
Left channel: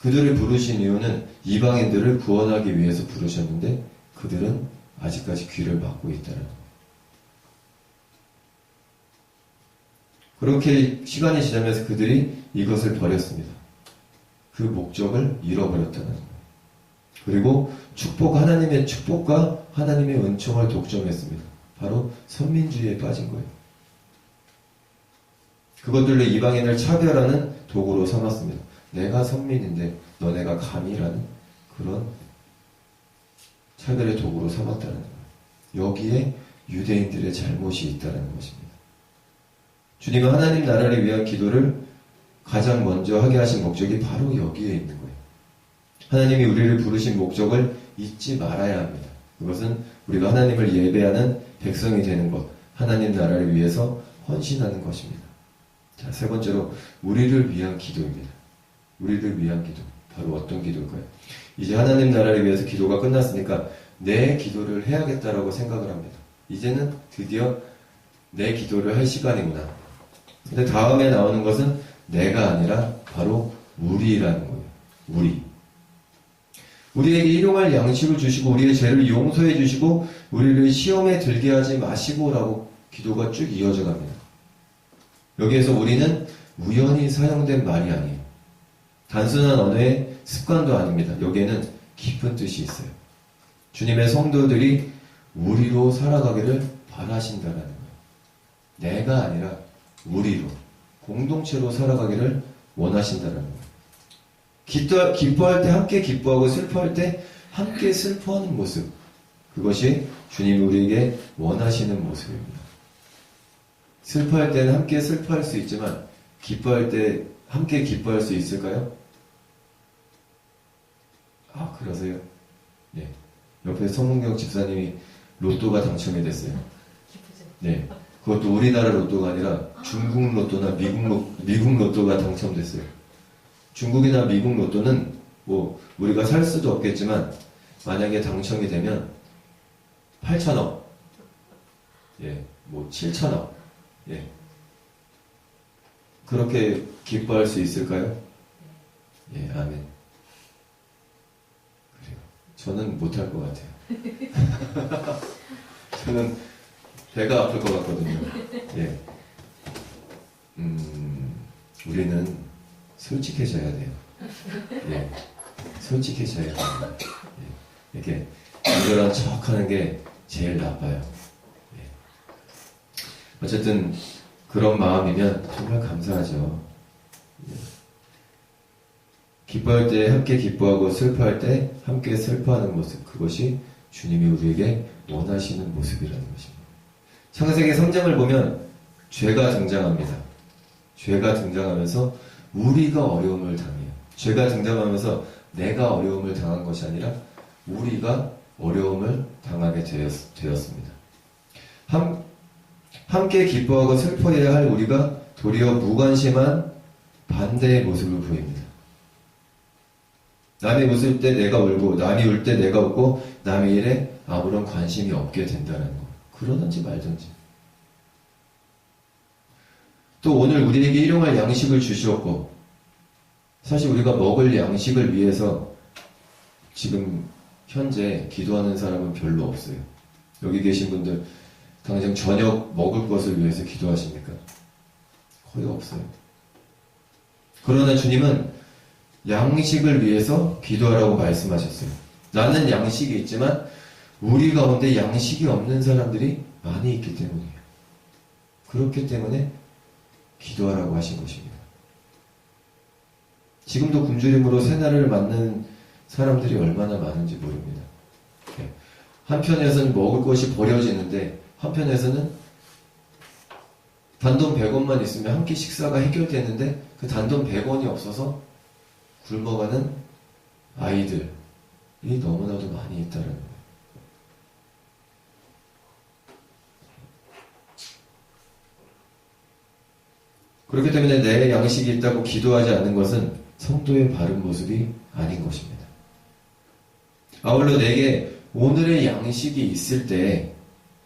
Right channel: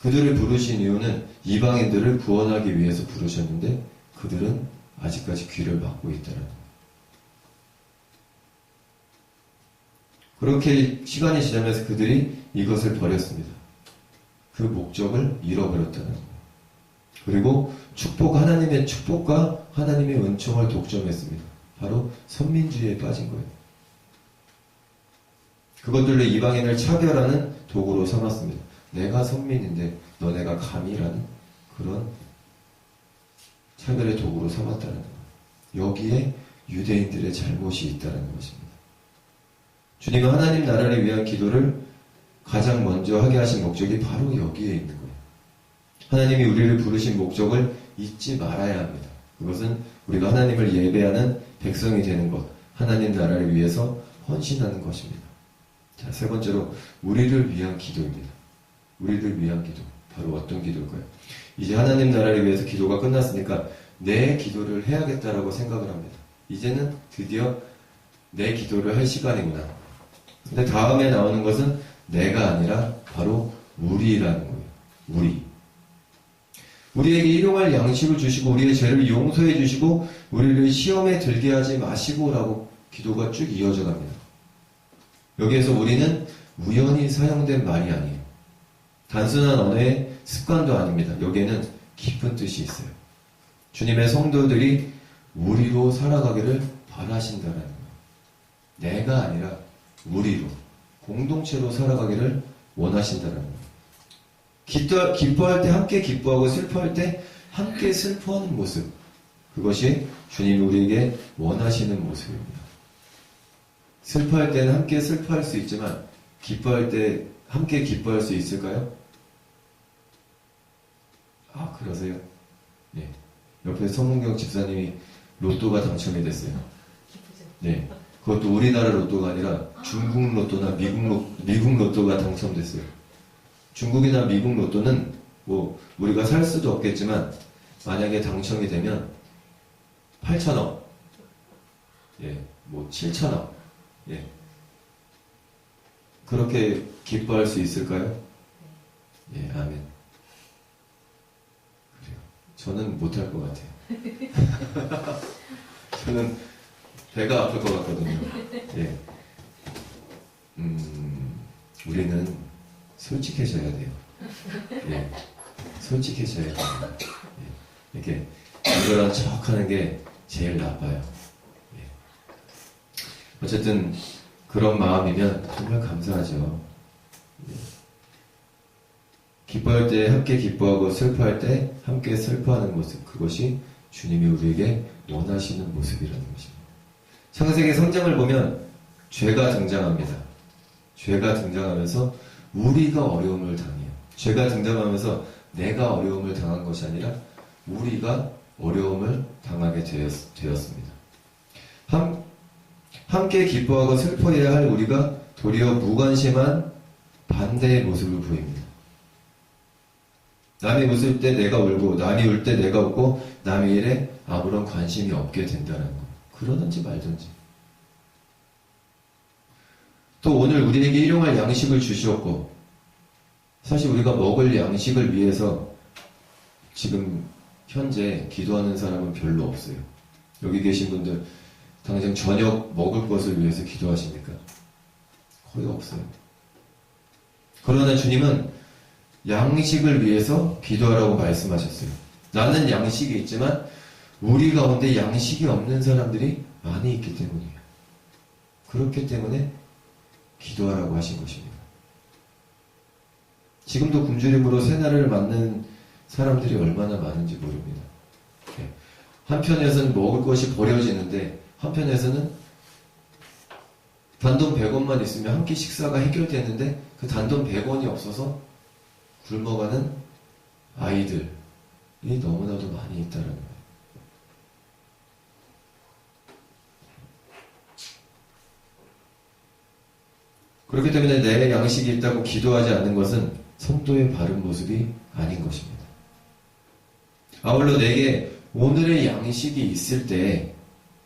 그들을 부르신 이유는 이방인들을 구원하기 위해서 부르셨는데 그들은 아직까지 귀를 막고 있다는 거예요. 그렇게 시간이 지나면서 그들이 이것을 버렸습니다. 그 목적을 잃어버렸다는 거예요. 그리고 하나님의 축복과 하나님의 은총을 독점했습니다. 바로 선민주의에 빠진 거예요. 그것들로 이방인을 차별하는 도구로 삼았습니다. 내가 선민인데 너네가 감이라는 그런 차별의 도구로 삼았다는 거예요. 여기에 유대인들의 잘못이 있다는 것입니다. 주님은 하나님 나라를 위한 기도를 가장 먼저 하게 하신 목적이 바로 여기에 있는 거예요. 하나님이 우리를 부르신 목적을 잊지 말아야 합니다. 그것은 우리가 하나님을 예배하는 백성이 되는 것, 하나님 나라를 위해서 헌신하는 것입니다. 자, 세 번째로 우리를 위한 기도입니다. 우리를 위한 기도. 바로 어떤 기도일까요? 이제 하나님 나라를 위해서 기도가 끝났으니까 내 기도를 해야겠다라고 생각을 합니다. 이제는 드디어 내 기도를 할 시간이구나. 근데 다음에 나오는 것은 내가 아니라 바로 우리라는 거예요. 우리에게 일용할 양식을 주시고 우리의 죄를 용서해 주시고 우리를 시험에 들게 하지 마시고라고 기도가 쭉 이어져 갑니다. 여기에서 우리는 우연히 사용된 말이 아니에요. 단순한 언어의 습관도 아닙니다. 여기에는 깊은 뜻이 있어요. 주님의 성도들이 우리로 살아가기를 바라신다는 거예요. 내가 아니라 우리로, 공동체로 살아가기를 원하신다는 거예요. 기뻐할 때 함께 기뻐하고 슬퍼할 때 함께 슬퍼하는 모습. 그것이 주님이 우리에게 원하시는 모습입니다. 슬퍼할 때는 함께 슬퍼할 수 있지만 기뻐할 때 함께 기뻐할 수 있을까요? 아, 그러세요? 예. 옆에 성문경 집사님이 로또가 당첨이 됐어요. 네. 그것도 우리나라 로또가 아니라 중국 로또나 미국 로또가 당첨됐어요. 중국이나 미국 로또는 뭐 우리가 살 수도 없겠지만 만약에 당첨이 되면 8천억, 예, 뭐 7천억, 예, 그렇게 기뻐할 수 있을까요? 예, 아멘. 그래요. 저는 못할 것 같아요. 저는 배가 아플 것 같거든요. 예, 우리는 솔직해져야 돼요. 예, 솔직해져야 돼요. 예, 이렇게 이거랑 척하는 게 제일 나빠요. 예. 어쨌든 그런 마음이면 정말 감사하죠. 예. 기뻐할 때 함께 기뻐하고 슬퍼할 때 함께 슬퍼하는 모습, 그것이 주님이 우리에게 원하시는 모습이라는 것입니다. 창세기 3장을 보면 죄가 등장합니다. 죄가 등장하면서 우리가 어려움을 당해요. 죄가 등장하면서 내가 어려움을 당한 것이 아니라 우리가 어려움을 당하게 되었습니다. 함께 기뻐하고 슬퍼해야 할 우리가 도리어 무관심한 반대의 모습을 보입니다. 남이 웃을 때 내가 울고 남이 울 때 내가 웃고 남의 일에 아무런 관심이 없게 된다는 거예요. 그러든지 말든지. 또 오늘 우리에게 일용할 양식을 주시었고 사실 우리가 먹을 양식을 위해서 지금 현재 기도하는 사람은 별로 없어요. 여기 계신 분들 당장 저녁 먹을 것을 위해서 기도하십니까? 거의 없어요. 그러나 주님은 양식을 위해서 기도하라고 말씀하셨어요. 나는 양식이 있지만 우리 가운데 양식이 없는 사람들이 많이 있기 때문이에요. 그렇기 때문에 기도하라고 하신 것입니다. 지금도 굶주림으로 새날을 맞는 사람들이 얼마나 많은지 모릅니다. 한편에서는 먹을 것이 버려지는데 한편에서는 단돈 100원만 있으면 한 끼 식사가 해결되는데 그 단돈 100원이 없어서 굶어가는 아이들이 너무나도 많이 있다는 거예요. 그렇기 때문에 내 양식이 있다고 기도하지 않는 것은 성도의 바른 모습이 아닌 것입니다. 아울러 내게 오늘의 양식이 있을 때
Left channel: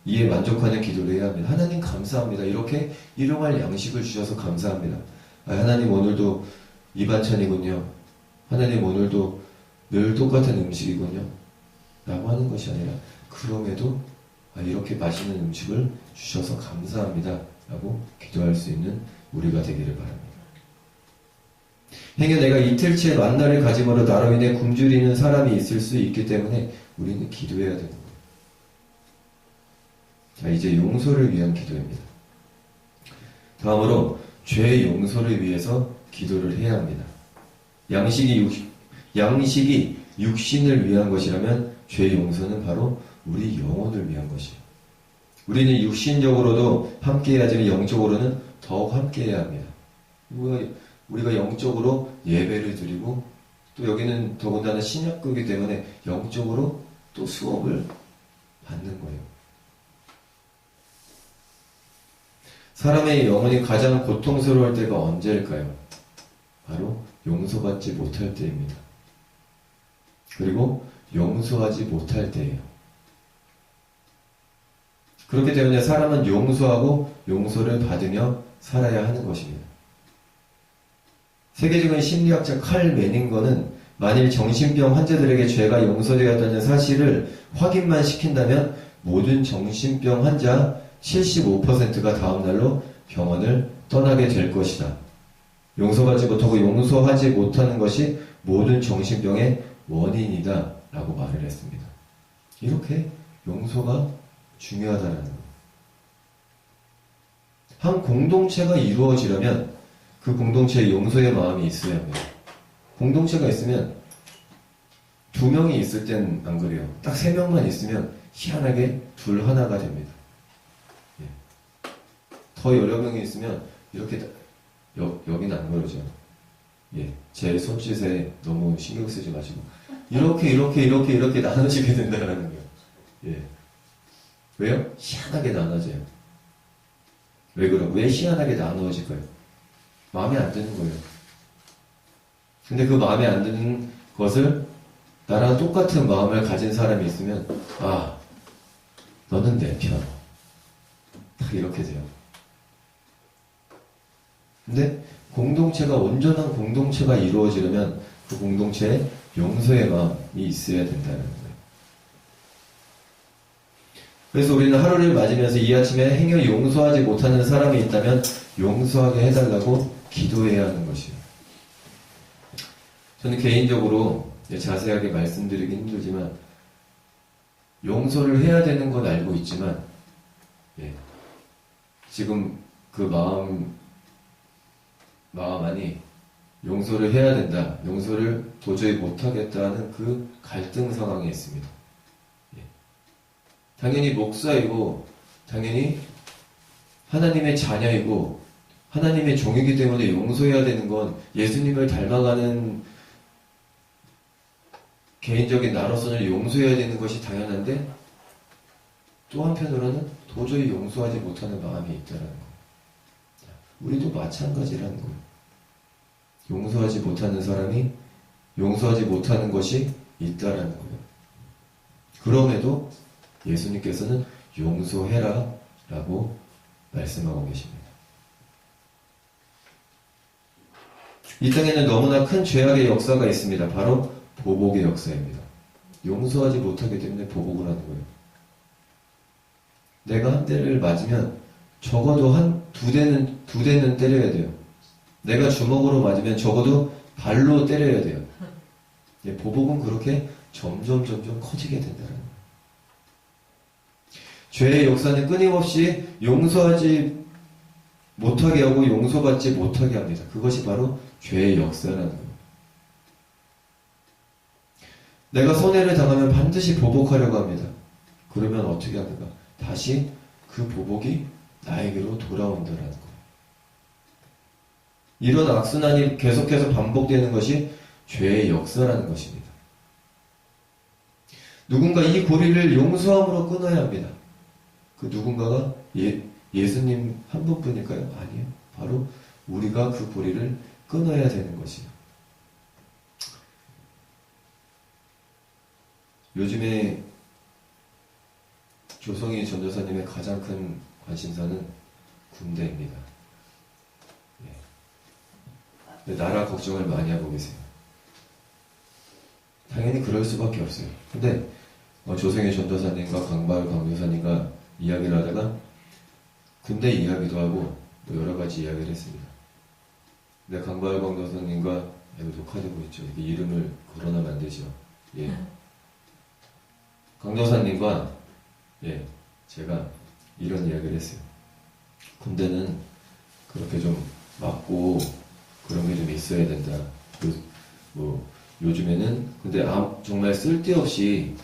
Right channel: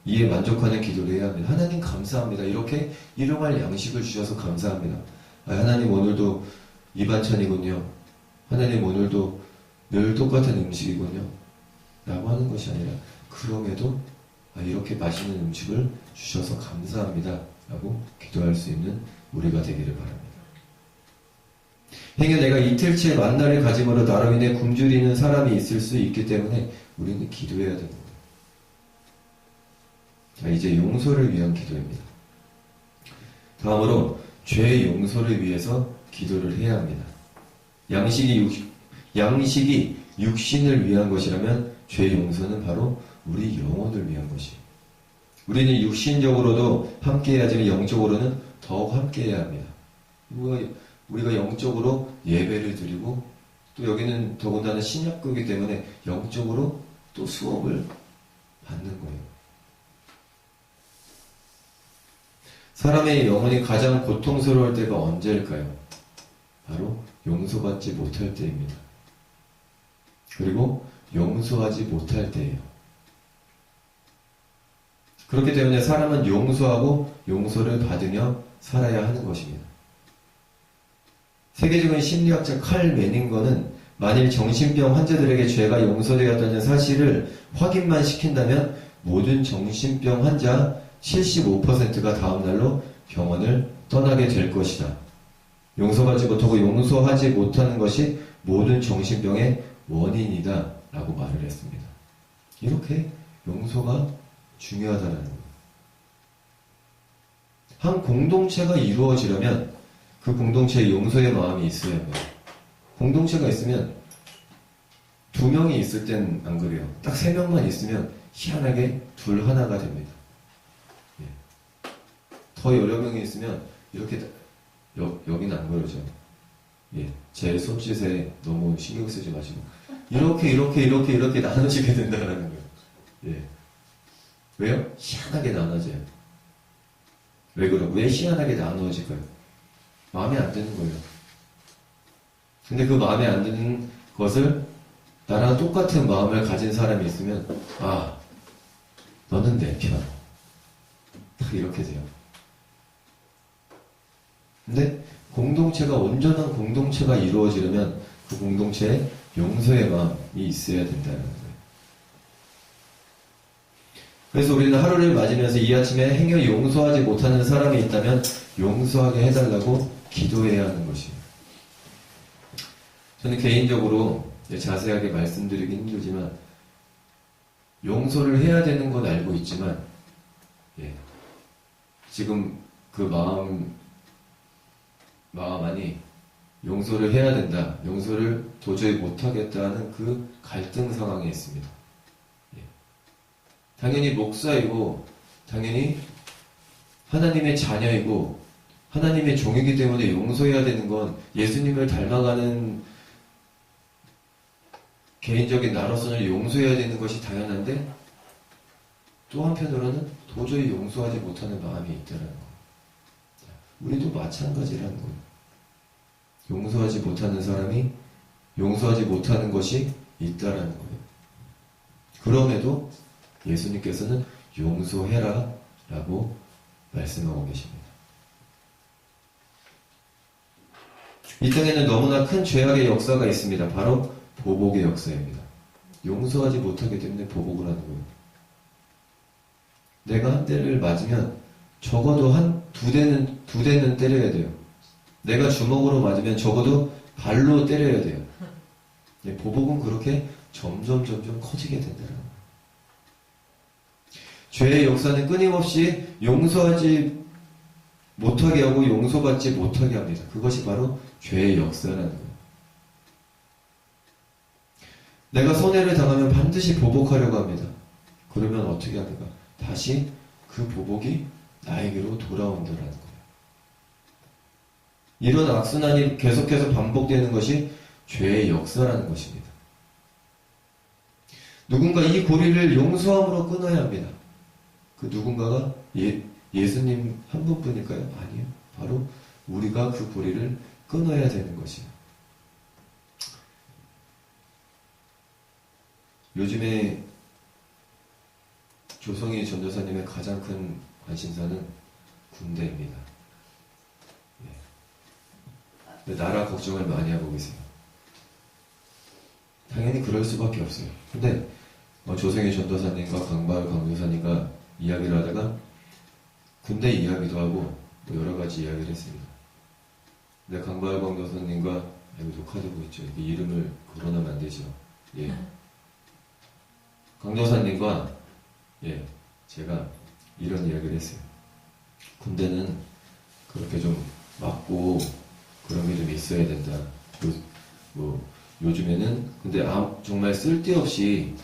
이에 만족하는 기도를 해야 합니다. 하나님 감사합니다. 이렇게 일용할 양식을 주셔서 감사합니다. 하나님 오늘도 이 반찬이군요. 하나님 오늘도 늘 똑같은 음식이군요. 라고 하는 것이 아니라 그럼에도 이렇게 맛있는 음식을 주셔서 감사합니다. 라고 기도할 수 있는 우리가 되기를 바랍니다. 행여 내가 이틀째 만나를 가짐으로 나로 인해 굶주리는 사람이 있을 수 있기 때문에 우리는 기도해야 되는 거예요. 자, 이제 용서를 위한 기도입니다. 다음으로 죄 용서를 위해서 기도를 해야 합니다. 양식이 육신을 위한 것이라면 죄 용서는 바로 우리 영혼을 위한 것이에요. 우리는 육신적으로도 함께해야지만 영적으로는 더욱 함께해야 합니다. 우리가 영적으로 예배를 드리고 또 여기는 더군다나 신약교이기 때문에 영적으로 또 수업을 받는 거예요. 사람의 영혼이 가장 고통스러울 때가 언제일까요? 바로 용서받지 못할 때입니다. 그리고 용서하지 못할 때예요. 그렇기 때문에 사람은 용서하고 용서를 받으며 살아야 하는 것입니다. 세계적인 심리학자 칼 매닝거는 만일 정신병 환자들에게 죄가 용서되었다는 사실을 확인만 시킨다면 모든 정신병 환자 75%가 다음날로 병원을 떠나게 될 것이다. 용서받지 못하고 용서하지 못하는 것이 모든 정신병의 원인이다 라고 말을 했습니다. 이렇게 용서가 중요하다는 거예요. 한 공동체가 이루어지려면 그 공동체에 용서의 마음이 있어야 합니다. 공동체가 있으면 2명이 있을 땐 안 그래요. 딱 3명만 있으면 희한하게 둘 하나가 됩니다. 예. 더 여러 명이 있으면 이렇게 여기는 안 그러죠. 예. 제 손짓에 너무 신경 쓰지 마시고 이렇게 나눠지게 된다는 거예요. 예. 왜요? 희한하게 나눠져요. 왜 희한하게 나누어질까요? 마음에 안 드는 거예요. 근데 그 마음에 안 드는 것을 나랑 똑같은 마음을 가진 사람이 있으면 너는 내 편. 딱 이렇게 돼요. 근데 공동체가 온전한 공동체가 이루어지려면 그 공동체에 용서의 마음이 있어야 된다는 거예요. 그래서 우리는 하루를 맞으면서 이 아침에 행여 용서하지 못하는 사람이 있다면 용서하게 해달라고 기도해야 하는 것이에요. 저는 개인적으로 자세하게 말씀드리기 힘들지만 용서를 해야 되는 건 알고 있지만 지금 그 마음 안이 용서를 해야 된다, 용서를 도저히 못하겠다는 그 갈등 상황에 있습니다. 당연히 목사이고 당연히 하나님의 자녀이고 하나님의 종이기 때문에 용서해야 되는 건 예수님을 닮아가는 개인적인 나로서는 용서해야 되는 것이 당연한데 또 한편으로는 도저히 용서하지 못하는 마음이 있다는 거. 우리도 마찬가지라는 거예요. 용서하지 못하는 사람이 용서하지 못하는 것이 있다라는 거예요. 그럼에도 예수님께서는 용서해라 라고 말씀하고 계십니다. 이 땅에는 너무나 큰 죄악의 역사가 있습니다. 바로 보복의 역사입니다. 용서하지 못하기 때문에 보복을 하는 거예요. 내가 한 대를 맞으면 적어도 두 대는 때려야 돼요. 내가 주먹으로 맞으면 적어도 발로 때려야 돼요. 보복은 그렇게 점점 커지게 된다는 거예요. 죄의 역사는 끊임없이 용서하지 못하게 하고 용서받지 못하게 합니다. 그것이 바로 죄의 역사라는 거예요. 내가 손해를 당하면 반드시 보복하려고 합니다. 그러면 어떻게 합니까? 다시 그 보복이 나에게로 돌아온다는 거예요. 이런 악순환이 계속해서 반복되는 것이 죄의 역사라는 것입니다. 누군가 이 고리를 용서함으로 끊어야 합니다. 그 누군가가 예수님 한 분뿐일까요? 아니에요. 바로 우리가 그 고리를 끊어야 되는 것이에요. 요즘에 조성희 전도사님의 가장 큰 관심사는 군대입니다. 예. 나라 걱정을 많이 하고 계세요. 당연히 그럴 수밖에 없어요. 근데 조성희 전도사님과 강발 강도사님과 이야기를 하다가 군대 이야기도 하고 뭐 여러 가지 이야기를 했습니다. 근데 강발 강도사님과 이거 녹화되고 있죠. 이게 이름을 거론하면 안 되죠. 예. 강도사님과 제가 이런 이야기를 했어요. 군대는 그렇게 좀 맞고 그런 게 좀 있어야 된다. 요즘에는 근데 정말 쓸데없이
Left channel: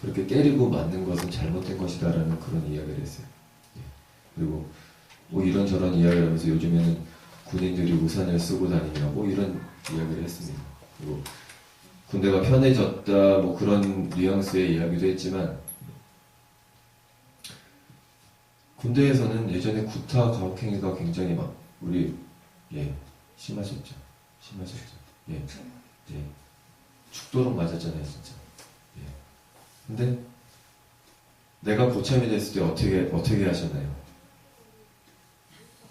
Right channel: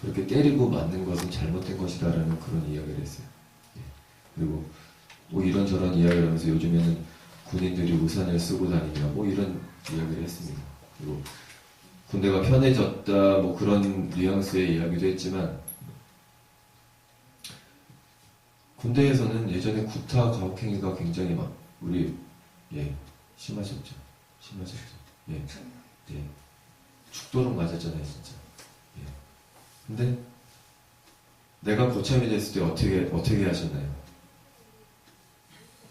그렇게 때리고 맞는 것은 잘못된 것이다라는 그런 이야기를 했어요. 예. 그리고 뭐 이런저런 이야기를 하면서 요즘에는 군인들이 우산을 쓰고 다니냐 뭐 이런 이야기를 했습니다. 그리고 군대가 편해졌다 뭐 그런 뉘앙스의 이야기도 했지만 군대에서는 예전에 구타 가혹행위가 굉장히 막 심하셨죠. 예. 죽도록 맞았잖아요, 진짜. 예. 근데 내가 고참이 됐을 때 어떻게 하셨나요?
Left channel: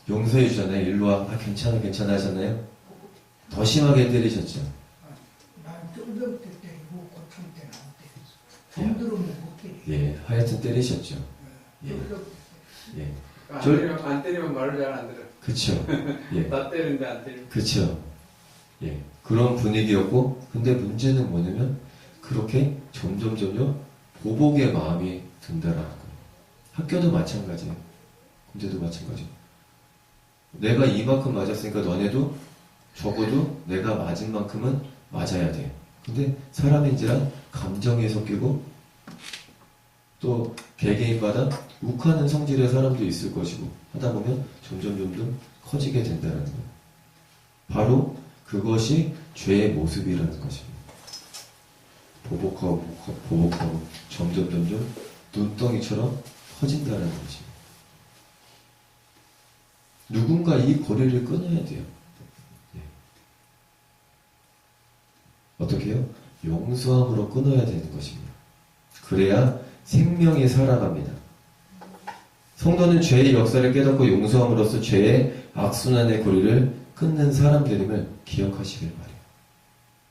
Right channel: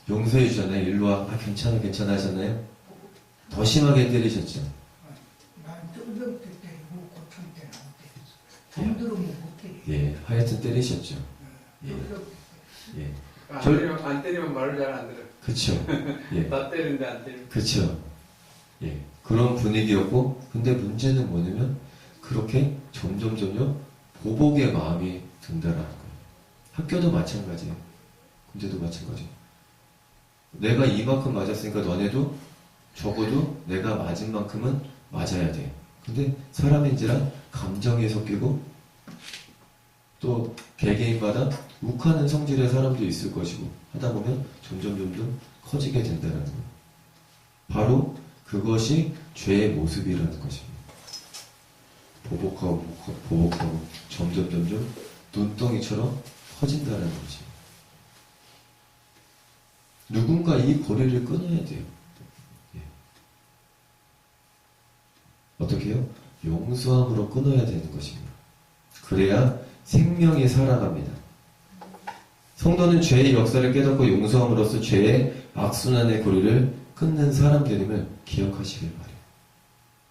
용서해 주잖아요. 일로 와. 괜찮아 하셨나요? 더 심하게 때리셨죠. 난 쫄병 때 때리고 고참 때는 안 때렸어. 돈 들으면 못 때려. 예, 하여튼 때리셨죠. 안 때리면 말을 잘 안 들어. 그쵸. 예. 나 때리는데 안 때리면. 그쵸. 예. 그런 분위기였고, 근데 문제는 뭐냐면, 그렇게 점점 보복의 마음이 든다라는 거예요. 학교도 마찬가지예요. 군대도 마찬가지예요. 내가 이만큼 맞았으니까 너네도 적어도 내가 맞은 만큼은 맞아야 돼. 근데 사람인지라 감정이 섞이고, 또 개개인마다 욱하는 성질의 사람도 있을 것이고 하다 보면 점점 커지게 된다는 거예요. 바로 그것이 죄의 모습이라는 것입니다. 보복하고 점점 눈덩이처럼 커진다는 것입니다. 누군가 이 고리를 끊어야 돼요. 예. 어떻게 해요? 용서함으로 끊어야 되는 것입니다. 그래야 생명이 살아갑니다. 성도는 죄의 역사를 깨닫고 용서함으로써 죄의 악순환의 고리를 끊는 사람들임을 기억하시길 바래요.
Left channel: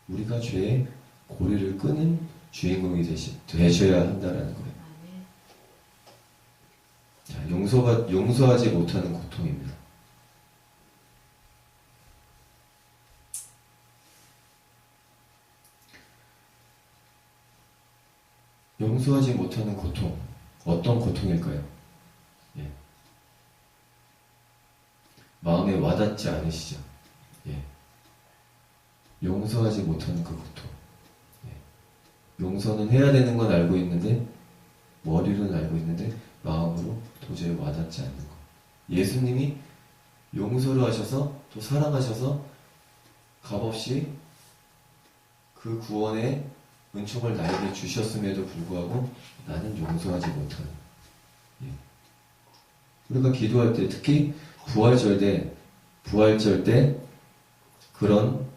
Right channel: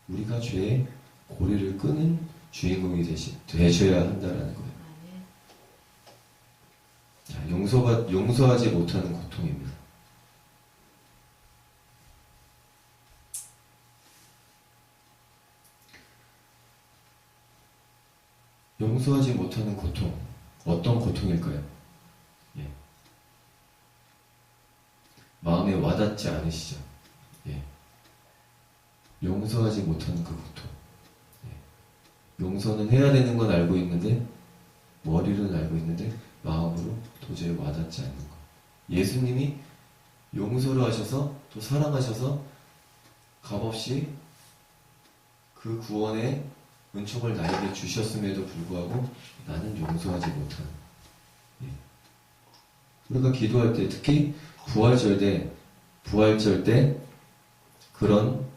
우리가 죄의 고리를 끄는 주인공이 되셔야 한다는 거예요. 자, 용서하지 못하는 고통입니다. 용서하지 못하는 고통, 어떤 고통일까요? 예. 마음에 와닿지 않으시죠? 예. 용서하지 못하는 그 고통. 예. 용서는 해야 되는 건 알고 있는데, 머리로는 알고 있는데, 마음으로 도저히 와닿지 않는 것. 예수님이 용서를 하셔서, 또 사랑하셔서, 값없이 그 구원의 은총을 나에게 주셨음에도 불구하고 나는 용서하지 못하는. 예. 우리가 기도할 때 특히 부활절 때 그런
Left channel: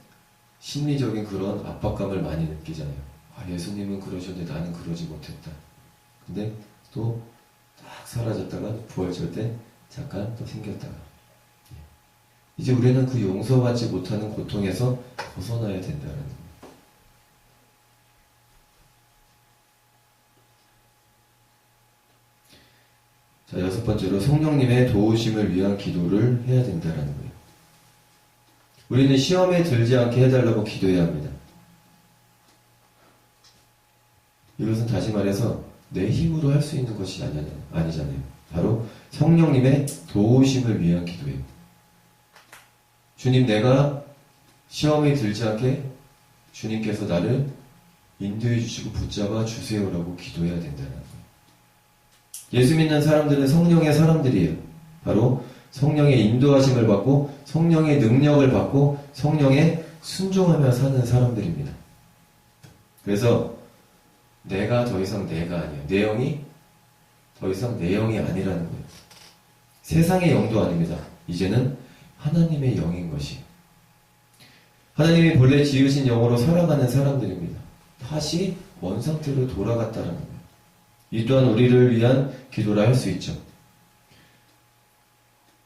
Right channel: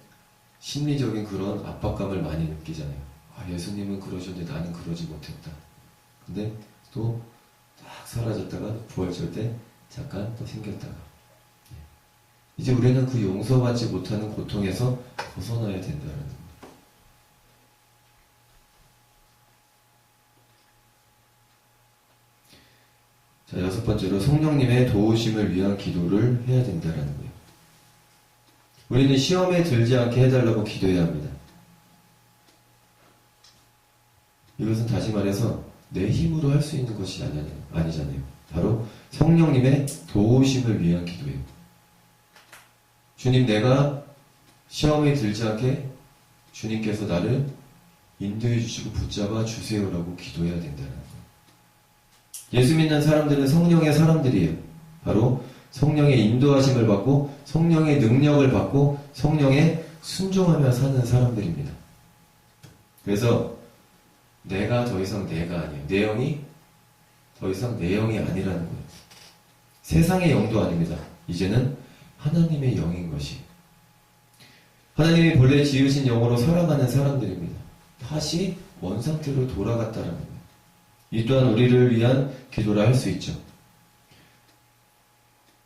심리적인 그런 압박감을 많이 느끼잖아요. 예수님은 그러셨는데 나는 그러지 못했다. 근데 또 딱 사라졌다가 부활절 때 잠깐 또 생겼다가. 예. 이제 우리는 그 용서받지 못하는 고통에서 벗어나야 된다는 거예요. 자, 6번째로 성령님의 도우심을 위한 기도를 해야 된다는 거예요. 우리는 시험에 들지 않게 해달라고 기도해야 합니다. 이것은 다시 말해서 내 힘으로 할 수 있는 것이 아니잖아요. 바로 성령님의 도우심을 위한 기도예요. 주님, 내가 시험에 들지 않게 주님께서 나를 인도해 주시고 붙잡아 주세요라고 기도해야 된다는 거예요. 예수 믿는 사람들은 성령의 사람들이에요. 바로 성령의 인도하심을 받고 성령의 능력을 받고 성령에 순종하며 사는 사람들입니다. 그래서 내가 더 이상 내가 아니에요. 내 영이 더 이상 내 영이 아니라는 거예요. 세상의 영도 아닙니다. 이제는 하나님의 영인 것이. 하나님이 본래 지으신 영으로 살아가는 사람들입니다. 다시 원상태로 돌아갔다는 겁니다. 이 또한 우리를 위한 기도라 할 수 있죠.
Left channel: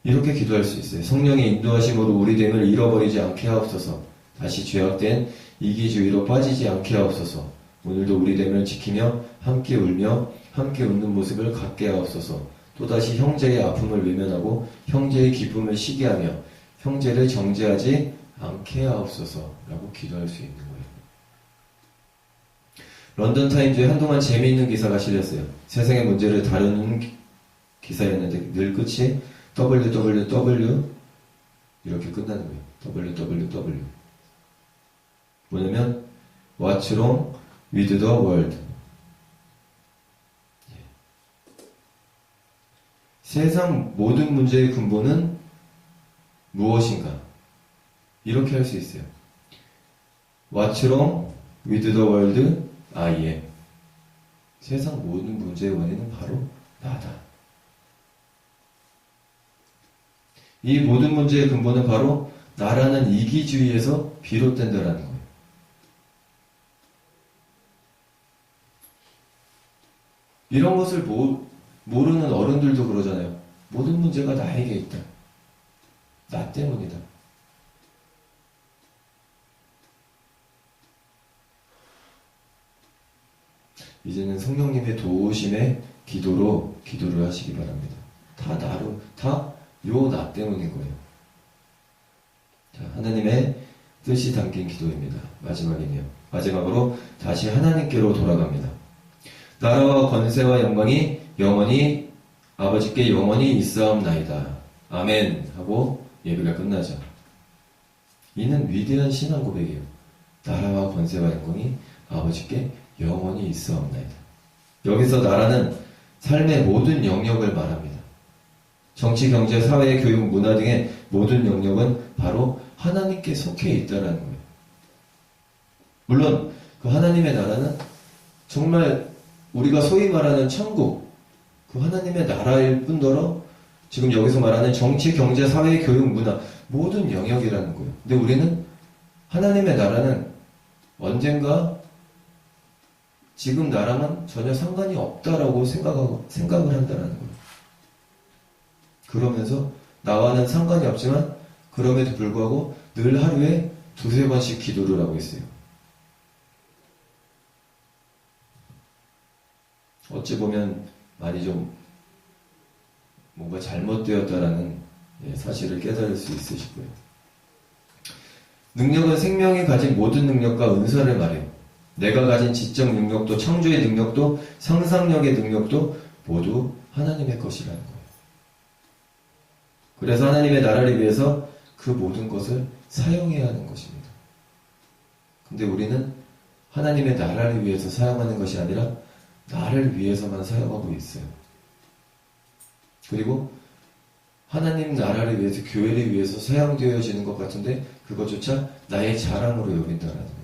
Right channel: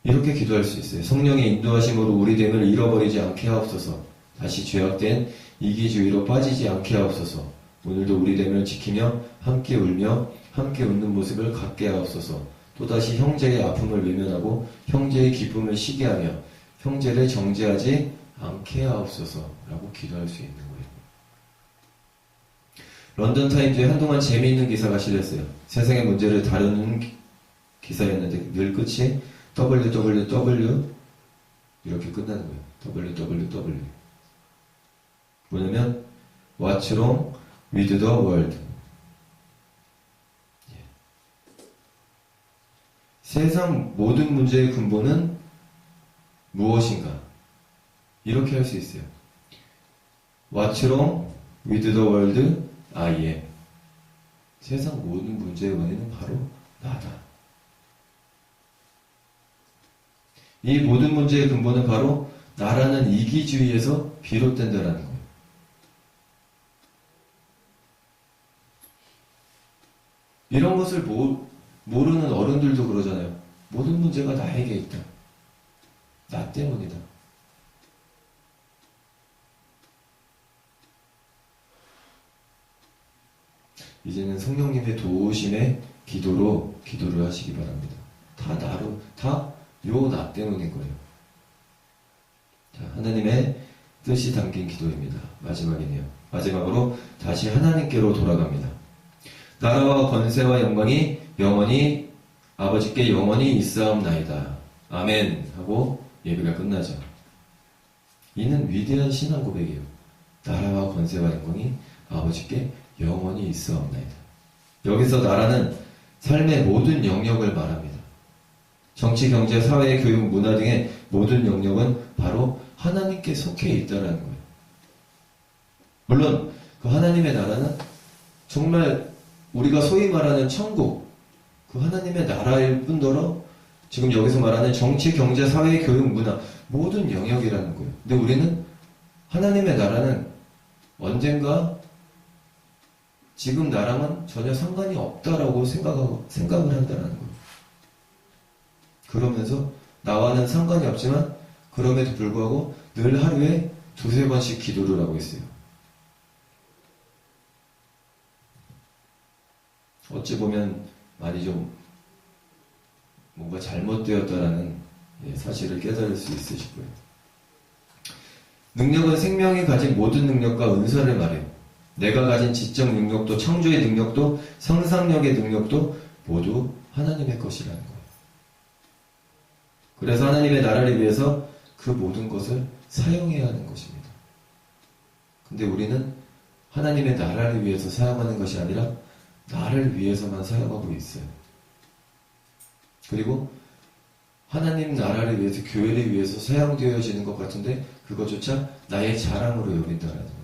이렇게 기도할 수 있어요. 성령의 인도하심으로 우리 됨을 잃어버리지 않게 하옵소서. 다시 죄악된 이기주의로 빠지지 않게 하옵소서. 오늘도 우리 됨을 지키며 함께 울며 함께 웃는 모습을 갖게 하옵소서. 또다시 형제의 아픔을 외면하고 형제의 기쁨을 시게 하며 형제를 정죄하지 않게 하옵소서 라고 기도할 수 있는 거예요. 런던타임즈에 한동안 재미있는 기사가 실렸어요. 세상의 문제를 다루는 기사였는데 늘 끝이 www 이렇게 끝나는 거예요. www 뭐냐면 What's wrong with the world? 세상 모든 문제의 근본은 무엇인가? 이렇게 할 수 있어요. What's wrong with the world? I am. 세상 모든 문제의 원인은 바로 나다. 이 모든 문제의 근본은 바로 나라는 이기주의에서 비롯된다라는 거예요. 이런 것을 모르는 어른들도 그러잖아요. 모든 문제가 나에게 있다. 나 때문이다. 이제는 성령님의 도우심의 기도를 하시기 바랍니다. 다 나 때문인 거예요. 자, 하나님의 뜻이 담긴 기도입니다. 마지막이네요. 마지막으로 다시 하나님께로 돌아갑니다. 나라와 권세와 영광이 영원히 아버지께 영원히 있사옵나이다. 아멘 하고 예배가 끝나죠. 이는 위대한 신앙 고백이에요. 나라와 권세와 영광이 아버지께 영원히 있사옵나이다. 여기서 나라는 삶의 모든 영역을 말합니다. 정치, 경제, 사회, 교육, 문화 등의 모든 영역은 바로 하나님께 속해 있다는 거예요. 물론 그 하나님의 나라는 정말 우리가 소위 말하는 천국, 그 하나님의 나라일 뿐더러 지금 여기서 말하는 정치, 경제, 사회, 교육, 문화 모든 영역이라는 거예요. 근데 우리는 하나님의 나라는 언젠가 지금 나랑은 전혀 상관이 없다라고 생각을 한다는 거예요. 그러면서 나와는 상관이 없지만 그럼에도 불구하고 늘 하루에 2-3번씩 기도를 하고 있어요. 어찌 보면 많이 좀 뭔가 잘못되었다라는 사실을 깨달을 수 있으실 거예요. 능력은 생명이 가진 모든 능력과 은사를 말해요. 내가 가진 지적 능력도 창조의 능력도 상상력의 능력도 모두 하나님의 것이라는 거예요. 그래서 하나님의 나라를 위해서 그 모든 것을 사용해야 하는 것입니다. 근데 우리는 하나님의 나라를 위해서 사용하는 것이 아니라 나를 위해서만 사용하고 있어요. 그리고 하나님 나라를 위해서, 교회를 위해서 사용되어지는 것 같은데 그것조차 나의 자랑으로 여긴다라는 거예요.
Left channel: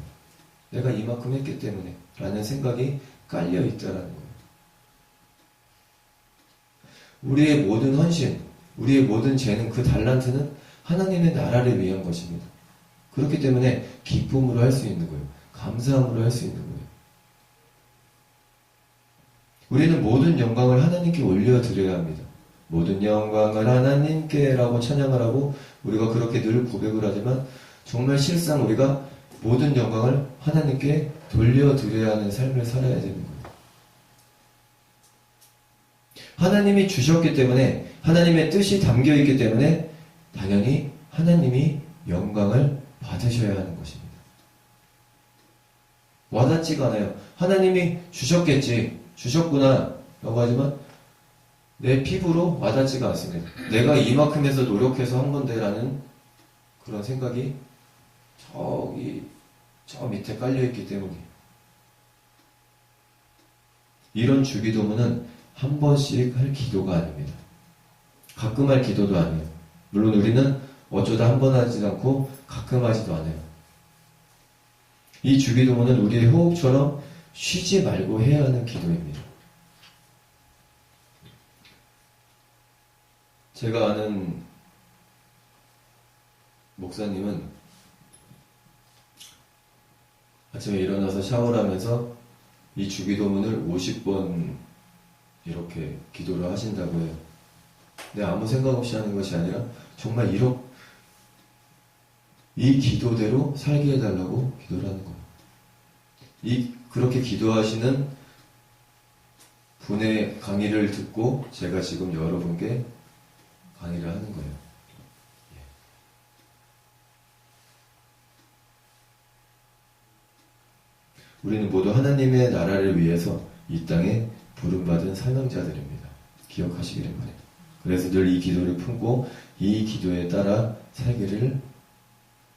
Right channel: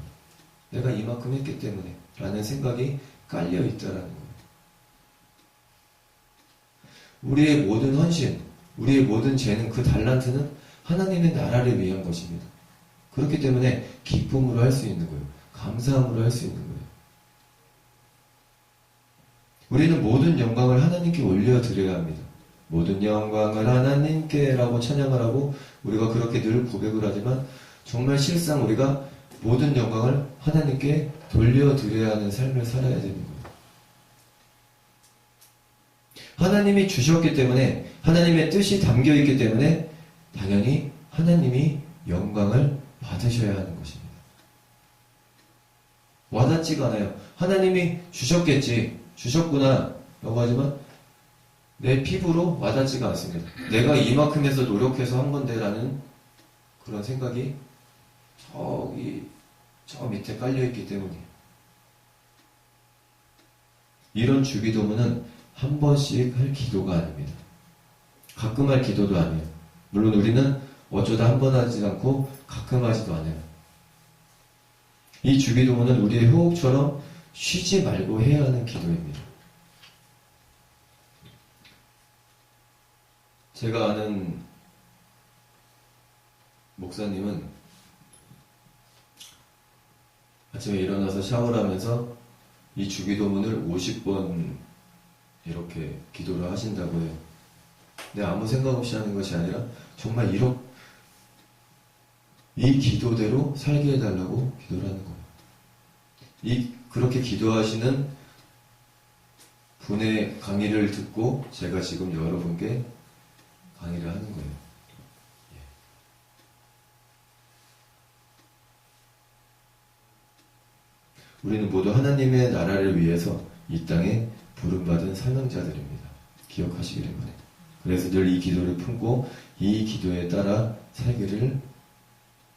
내가 이만큼 했기 때문에 라는 생각이 깔려 있다라는 거예요. 우리의 모든 헌신, 우리의 모든 재능, 그 달란트는 하나님의 나라를 위한 것입니다. 그렇기 때문에 기쁨으로 할 수 있는 거예요. 감사함으로 할 수 있는 거예요. 우리는 모든 영광을 하나님께 올려드려야 합니다. 모든 영광을 하나님께 라고 찬양을 하고 우리가 그렇게 늘 고백을 하지만 정말 실상 우리가 모든 영광을 하나님께 돌려드려야 하는 삶을 살아야 되는 거예요. 하나님이 주셨기 때문에 하나님의 뜻이 담겨있기 때문에 당연히 하나님이 영광을 받으셔야 하는 것입니다. 와닿지가 않아요. 하나님이 주셨구나 라고 하지만 내 피부로 와닿지가 않습니다. 내가 이만큼 해서 노력해서 한 건데 라는 그런 생각이 저 밑에 깔려있기 때문이에요. 이런 주기도문은 한 번씩 할 기도가 아닙니다. 가끔 할 기도도 아니에요. 물론 우리는 어쩌다 한 번 하지 않고 가끔 하지도 않아요. 이 주기도문은 우리의 호흡처럼 쉬지 말고 해야 하는 기도입니다. 제가 아는 목사님은 아침에 일어나서 샤워를 하면서 이 주기도문을 50번 이렇게 기도를 하신다고 해요. 근데 아무 생각 없이 하는 것이 아니라 정말 이 기도대로 살게 해달라고 기도를 하는 거예요. 그렇게 기도하시는 분의 강의를 듣고 제가 지금 여러분께 강의를 하는 거예요. 예. 우리는 모두 하나님의 나라를 위해서 이 땅에 부름받은 사명자들입니다. 기억하시기를 바랍니다. 그래서 늘 이 기도를 품고 이 기도에 따라 살기를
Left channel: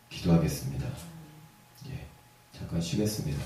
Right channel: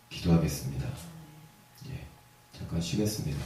기도하겠습니다. 예, 잠깐 쉬겠습니다.